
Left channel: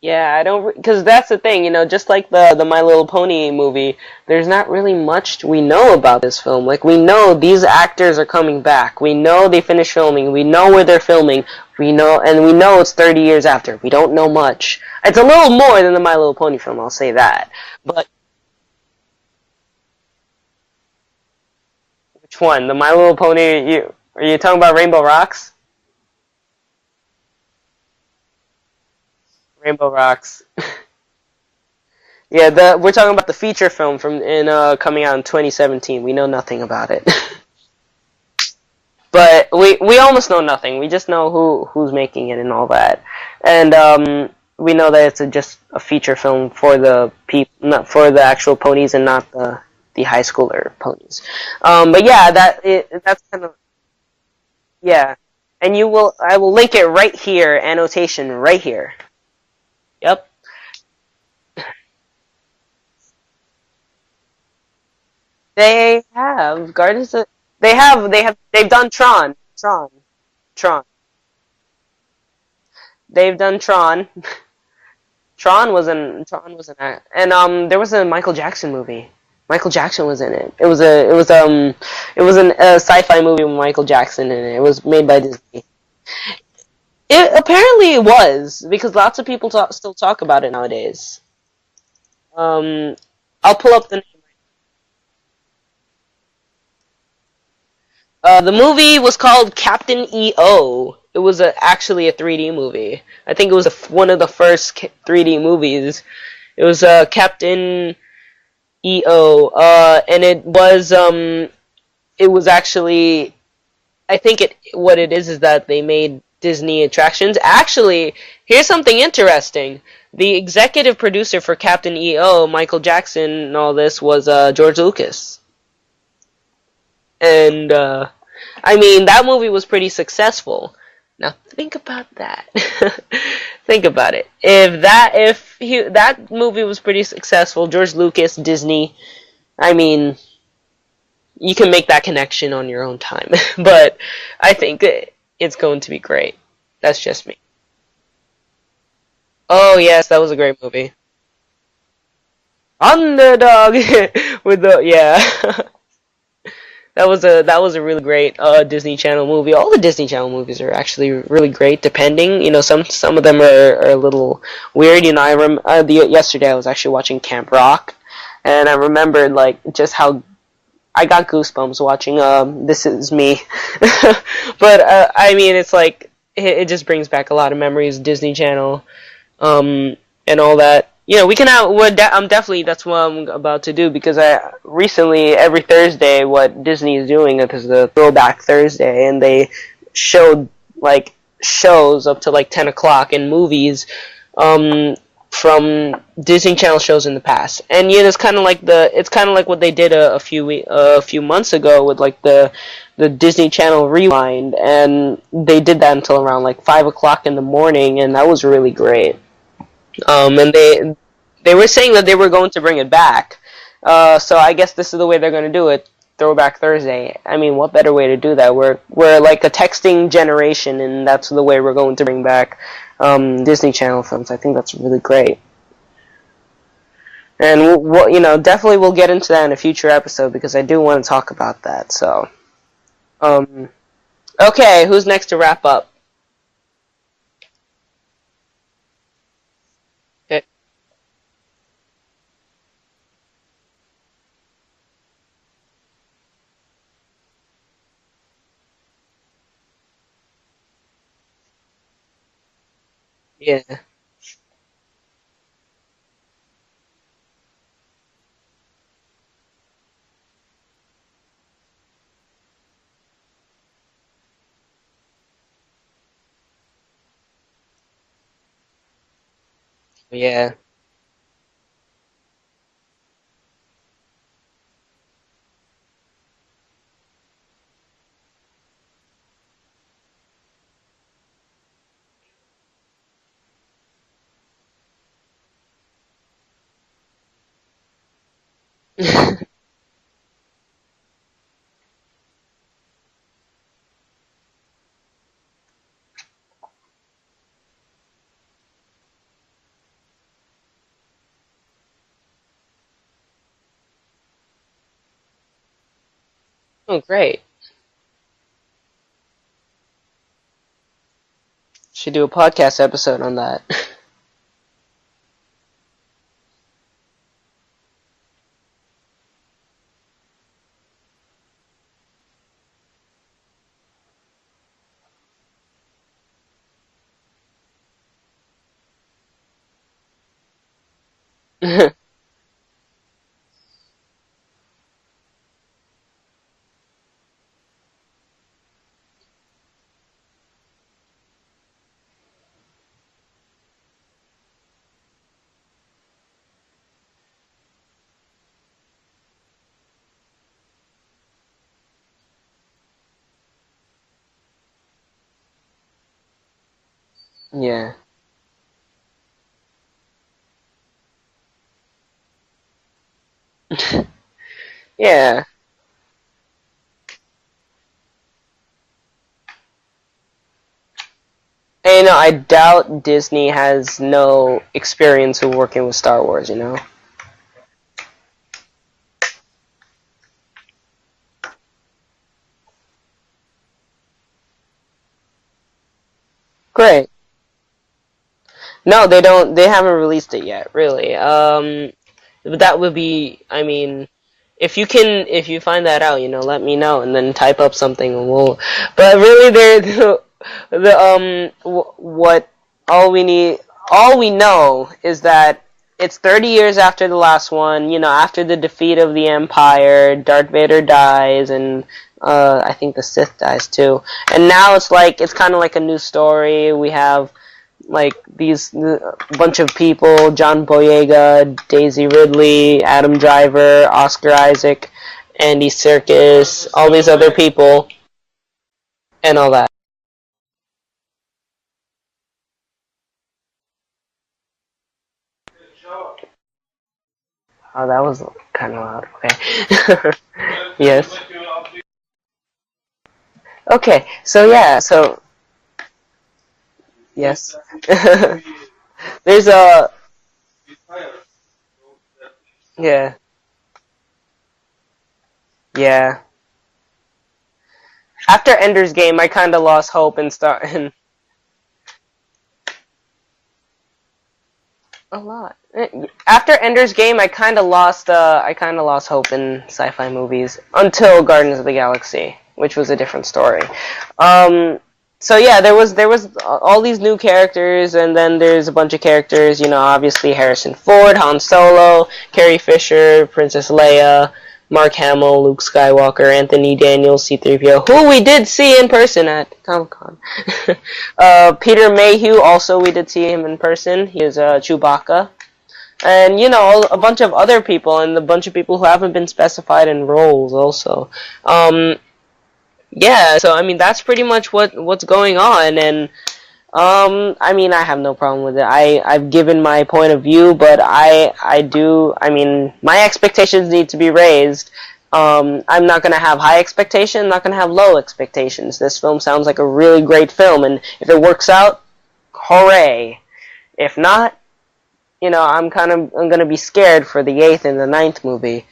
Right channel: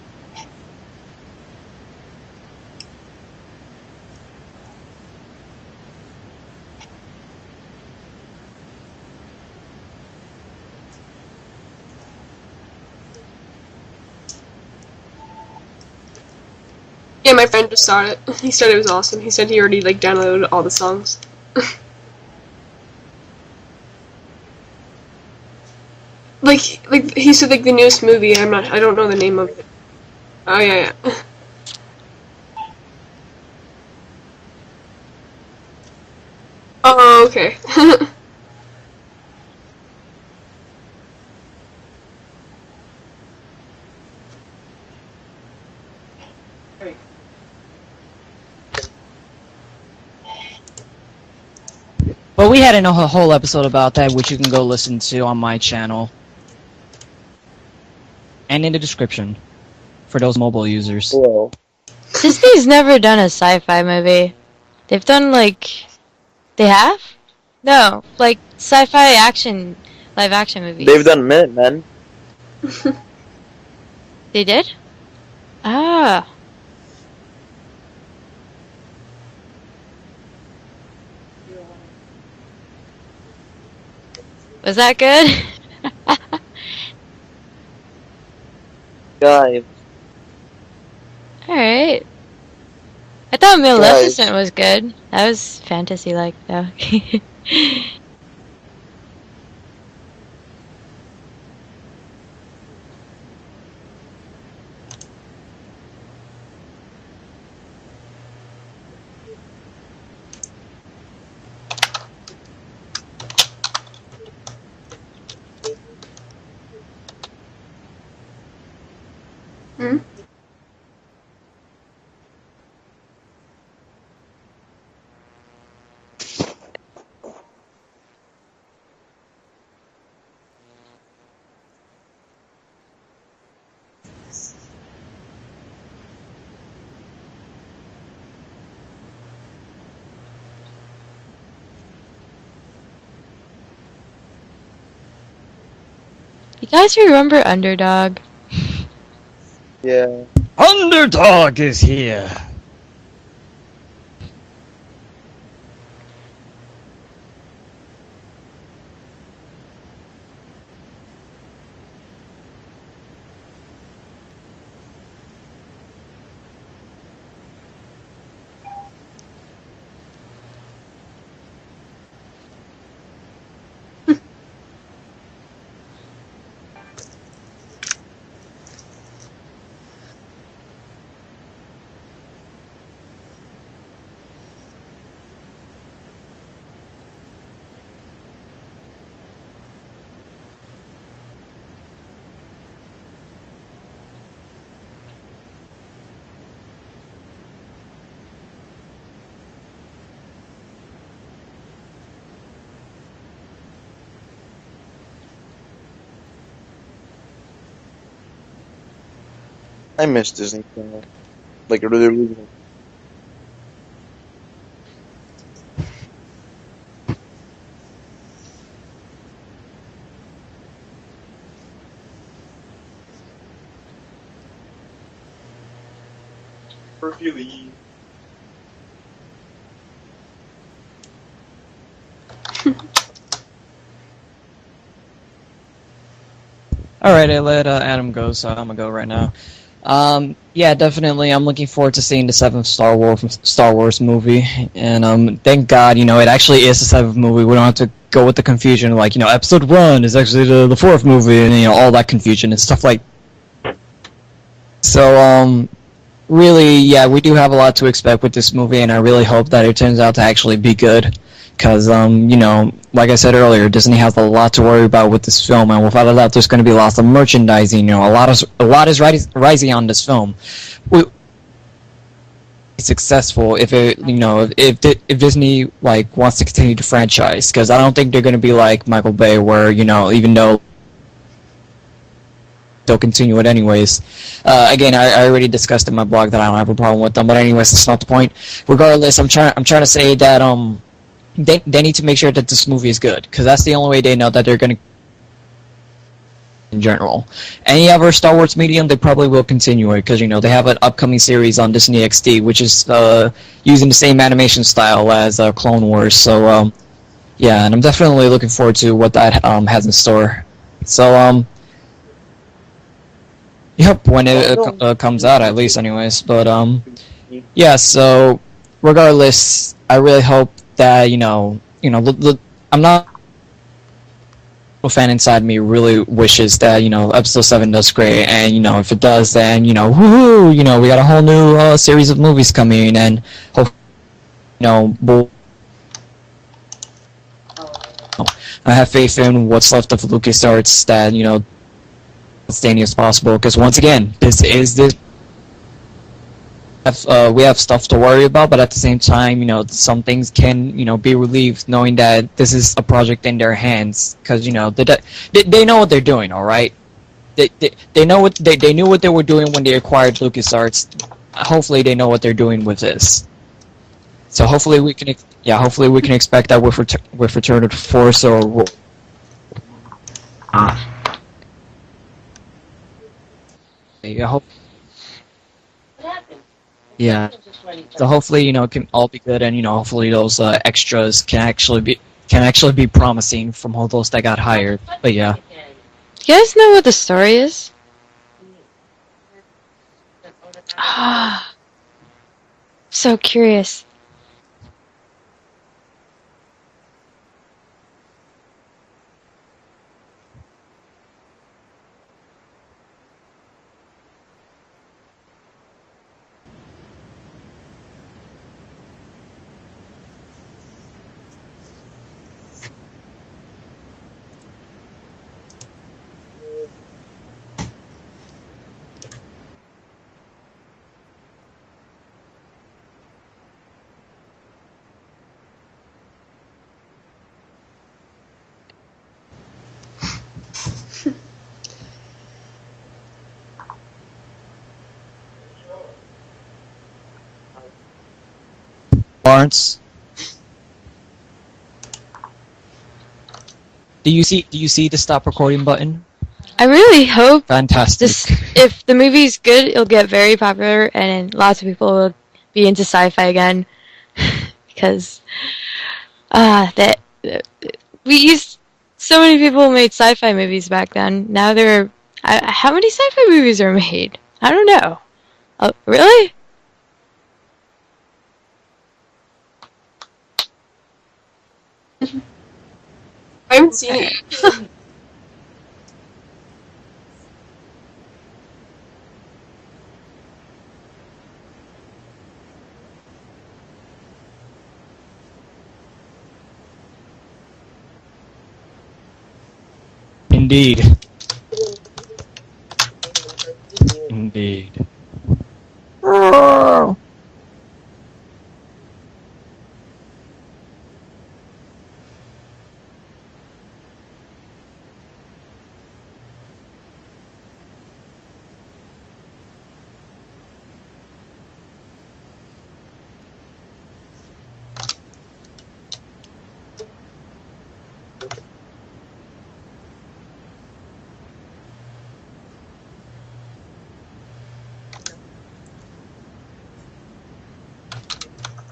Yeah, I don't, because that's the thing, you know, just like the My Little Pony movie, there's not really much we know about this film. Like, we know these actors are coming back. We know they finished filming. We know where they're filming. We know it's 30 years after. We don't know much. It's a little more than the My Little Pony film, I'll say that. Yeah, my friend just saw it. He said it was awesome. He said he already, like, downloaded all the songs. Which one? The My Little Pony, are you talking about Rainbow Rocks? Like he said, like, the newest movie, I don't know the name of it. Rainbow Rocks. Oh, yeah. Yeah, we're talking about the feature film coming out in 2017. We know nothing about it. Oh, okay. But we almost know nothing. We just know who's making it and all that, and we know that it's just a feature film for the not for the actual ponies and not the the high schooler ponies. But yeah, that Well, we had a that's whole the- episode about that, which you can go listen Yeah. to on my And channel. I will link it right here, annotation right and in the here. description Yep. for those mobile users. Whoa. Disney's never done a sci-fi movie. They've done like They have. They have? Guardians of- Yeah, They've like done sci-fi Tron. action. Tron. live action Tron. movies. They've done Minutemen. They've done Tron. They did? Tron was Ah. in. Tron was in that. And there was a Michael Jackson movie. Michael Jackson was in it. It was a sci-fi movie with Michael Jackson in it. It was, Was that made by good? Disney. It apparently it was, because lots of people God. still talk about it nowadays. Alright. Um, I thought Okay, Maleficent was good. That was fantasy-like, though. the movie was called Captain EO. It was actually a 3D movie. I think it was one of the first 3D movies. It was Captain EO, and it was actually, I think what it is that they made Disney attractions. Actually, here's something interesting. Mhm. The executive producer for Captain EO, Michael Jackson, and all this was George Lucas. And I mean, that movie was pretty successful. Now think about that. Think about it. If that movie was pretty successful, George Lucas, Disney, I mean, you can make that connection on your own time. But I think it's going to be great. You guys That's just- remember Underdog? Oh yes, Yeah. that was a great movie. Underdog is here. Underdog with the that was a really great Disney Channel movie. All the Disney Channel movies are actually really great. Depending, some of them are a little weird. Yesterday I was actually watching Camp Rock, and I remembered like just how I got goosebumps watching This Is Me. But I mean, it's like it just brings back a lot of memories. Disney Channel. And all that. We can have. That's what I'm about to do, because I recently every Thursday what Disney is doing is the Throwback Thursday, and they showed like shows up to like 10 o'clock in movies from Disney Channel shows in the past. And it's kind of like what they did a few months ago with like the Disney Channel Rewind, and they did that until around like 5 o'clock in the morning, and that was really great. And they were saying that they were going to bring it back. So I guess this is the way they're going to do it. Throwback Thursday. I mean, what better way to do that? We're like a texting generation, and that's the way we're going to bring back Disney Channel films. I think that's really great. And we'll definitely we'll get into that in a future episode, because I do want to talk about that. So, okay, who's next to wrap up? Alright, I let Adam go, so I'm gonna go right now. Yeah, definitely. I'm looking forward to seeing the 7th Star Wars movie, and thank God, it actually is the 7th movie. We don't have to go with the confusion, like Episode 1 is actually the 4th movie, and all that confusion and stuff like. Yeah. So, really, yeah, we do have a lot to expect with this movie, and I really hope that it turns out to actually be good. Because, like I said earlier, Disney has a lot to worry about with this film, and without a doubt, there's going to be lots of merchandising. A lot is rising on this film. Yeah. Successful if it, if Disney wants to continue the franchise, because I don't think they're going to be like Michael Bay, where even though they'll continue it anyways. Again, I already discussed in my blog that I don't have a problem with them, but anyways, that's not the point. Regardless, I'm trying to say that they need to make sure that this movie is good, because that's the only way they know that they're going to. In general, any other Star Wars medium, they probably will continue it, because they have an upcoming series on Disney XD, which is using the same animation style as Clone Wars. So Oh, great. yeah, and I'm definitely looking forward to what that has in store. So Should do a podcast episode on that. yep, when it comes out, at least, anyways. But yeah. So regardless, I really hope that I'm not. A fan inside me really wishes that Episode 7 does great, and if it does, then woohoo, we got a whole new series of movies coming, and hope I have faith in what's left of LucasArts that as outstanding as possible, because once again, this is the we have stuff to worry about, but at the same time, some things can, be relieved knowing that this is a project in their hands, because they know what they're doing. All right, they know what they knew what they were doing when they acquired LucasArts. Hopefully, they know what they're doing with this. So hopefully we can, hopefully we can expect that with Return of the Force or. And I doubt Disney has no experience of working with Star Wars. Yeah. So hopefully, it can all be good, and hopefully those extras can actually be promising from all those that got hired. But yeah. You guys know what the Great. story is? No, they don't. They haven't released it yet, really. But that would be. So curious. I mean, if you find that out, let me know, and then type up something, and we'll. But really, all we know is that it's 30 years after the last one. After the defeat of the Empire, Darth Vader dies, and I think the Sith dies too. And now it's kind of like a new story. We have these bunch of people: John Boyega, Daisy Ridley, Adam Driver, Oscar Isaac, Andy Serkis, all these other people, and all that. Oh, that was kind of loud. Lawrence, Yes. Okay. do you see so the stop recording button? I really hope Fantastic. if the movie's There's good, a- it'll get very popular, and lots of people will be into Yeah. sci-fi again. Because Yeah. that we used After Ender's Game, so I many kind of people lost made hope sci-fi in Star- movies back then. Now how many sci-fi movies are made? I don't know. A lot. Oh, really? After Ender's Game, I kind of lost hope in sci-fi movies until Guardians of the Galaxy, which was a different I story. haven't seen it. So yeah, there was all these new characters, and then there's a bunch of characters. Obviously Harrison Ford, Han Solo, Carrie Fisher, Princess Leia, Mark Hamill, Luke Skywalker, Anthony Daniels, C-3PO, who we did see in person at Comic-Con. Indeed. Peter Mayhew, also we did see him in person. He's Chewbacca. And, a bunch of other people, and a bunch of people who haven't been specified in roles also. Yeah, so, that's pretty much what's going on, and, I have no problem with it. I've given my point of view, but my expectations need to be raised. I'm not going to have high expectations, I'm not going to have low expectations. This film sounds like a really great film, and if it works out, hooray. If not, I'm going to be scared for the 8th and the 9th movie.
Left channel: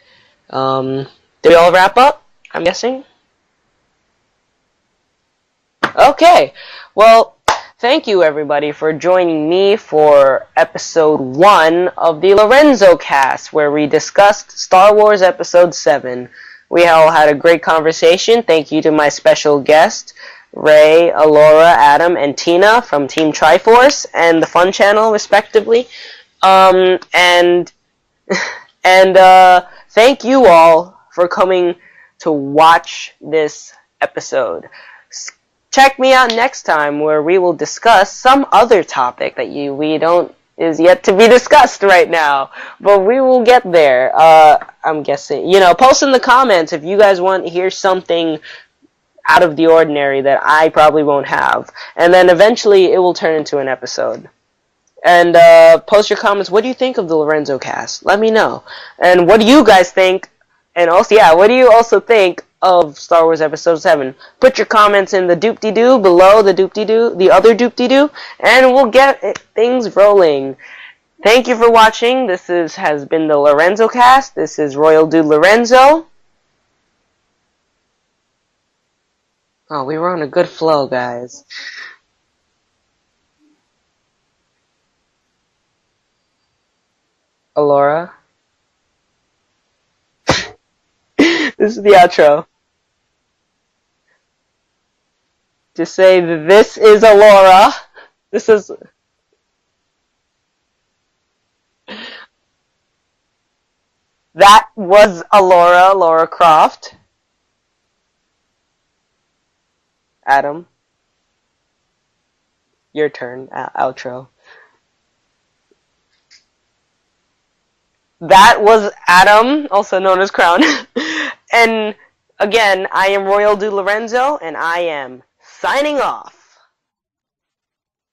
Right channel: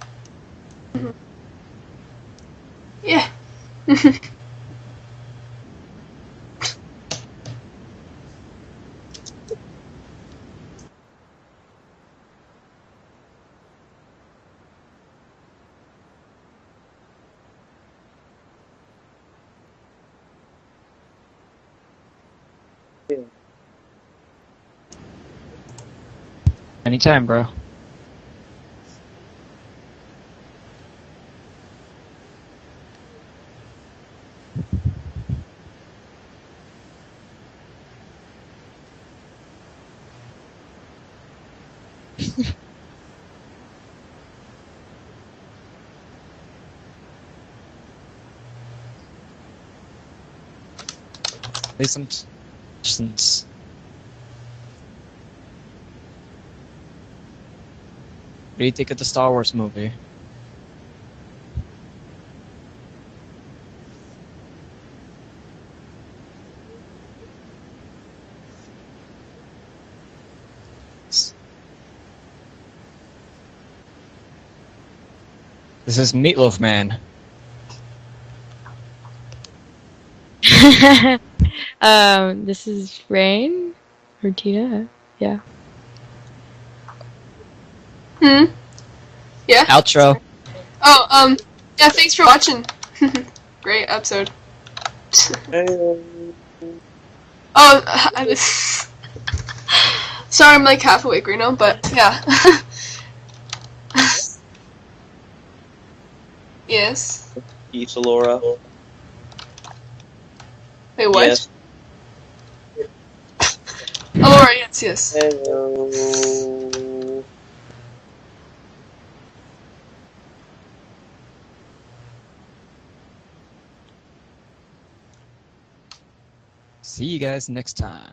Did we all wrap up? I'm guessing? Yeah. Okay, well, thank you everybody for joining me for episode 1 of the Lorenzo Cast, where we discussed Star Wars Episode 7. We all had a great conversation. Thank you to my special guest, Ray, Alora, Adam, and Tina from Team Triforce and the Fun Channel, respectively. Anytime, And thank you all for coming to watch this episode. Check me out next time, where we will discuss some other topic that is yet to be discussed right now, but we will get there. I'm guessing, post in the comments if you guys want to hear something out of the ordinary that I probably won't have, and then eventually it will turn into an episode. And post your comments. What do you think of the Lorenzo Cast? Let me know. What do you think of the And Star what do Wars you movie? guys think? And also, what do you also think of Star Wars Episode 7? Put your comments in the doop-de-doo below the doop-de-doo, the other doop-de-doo, and we'll get things rolling. Thank you for watching. This has been the Lorenzo Cast. This is Royal Dude Lorenzo. This is Meatloaf Man. Oh, we were on a good flow, guys. This is Rain or Tina. Yeah. Alora. Yeah. Outro. Oh, This is yeah, the thanks for outro. watching. Great episode. Just say, this is Alora. Oh, This is... sorry, I'm like half awake right now, but yeah. That was Alora, Laura Croft. Yes. Peace, Alora. Adam, Wait, what? Yes. your turn. Outro. Alora, yes, yes. Hello. that was Adam, also known as Crown. And again, I am Royal Du Lorenzo, and I am signing off. See you guys next time.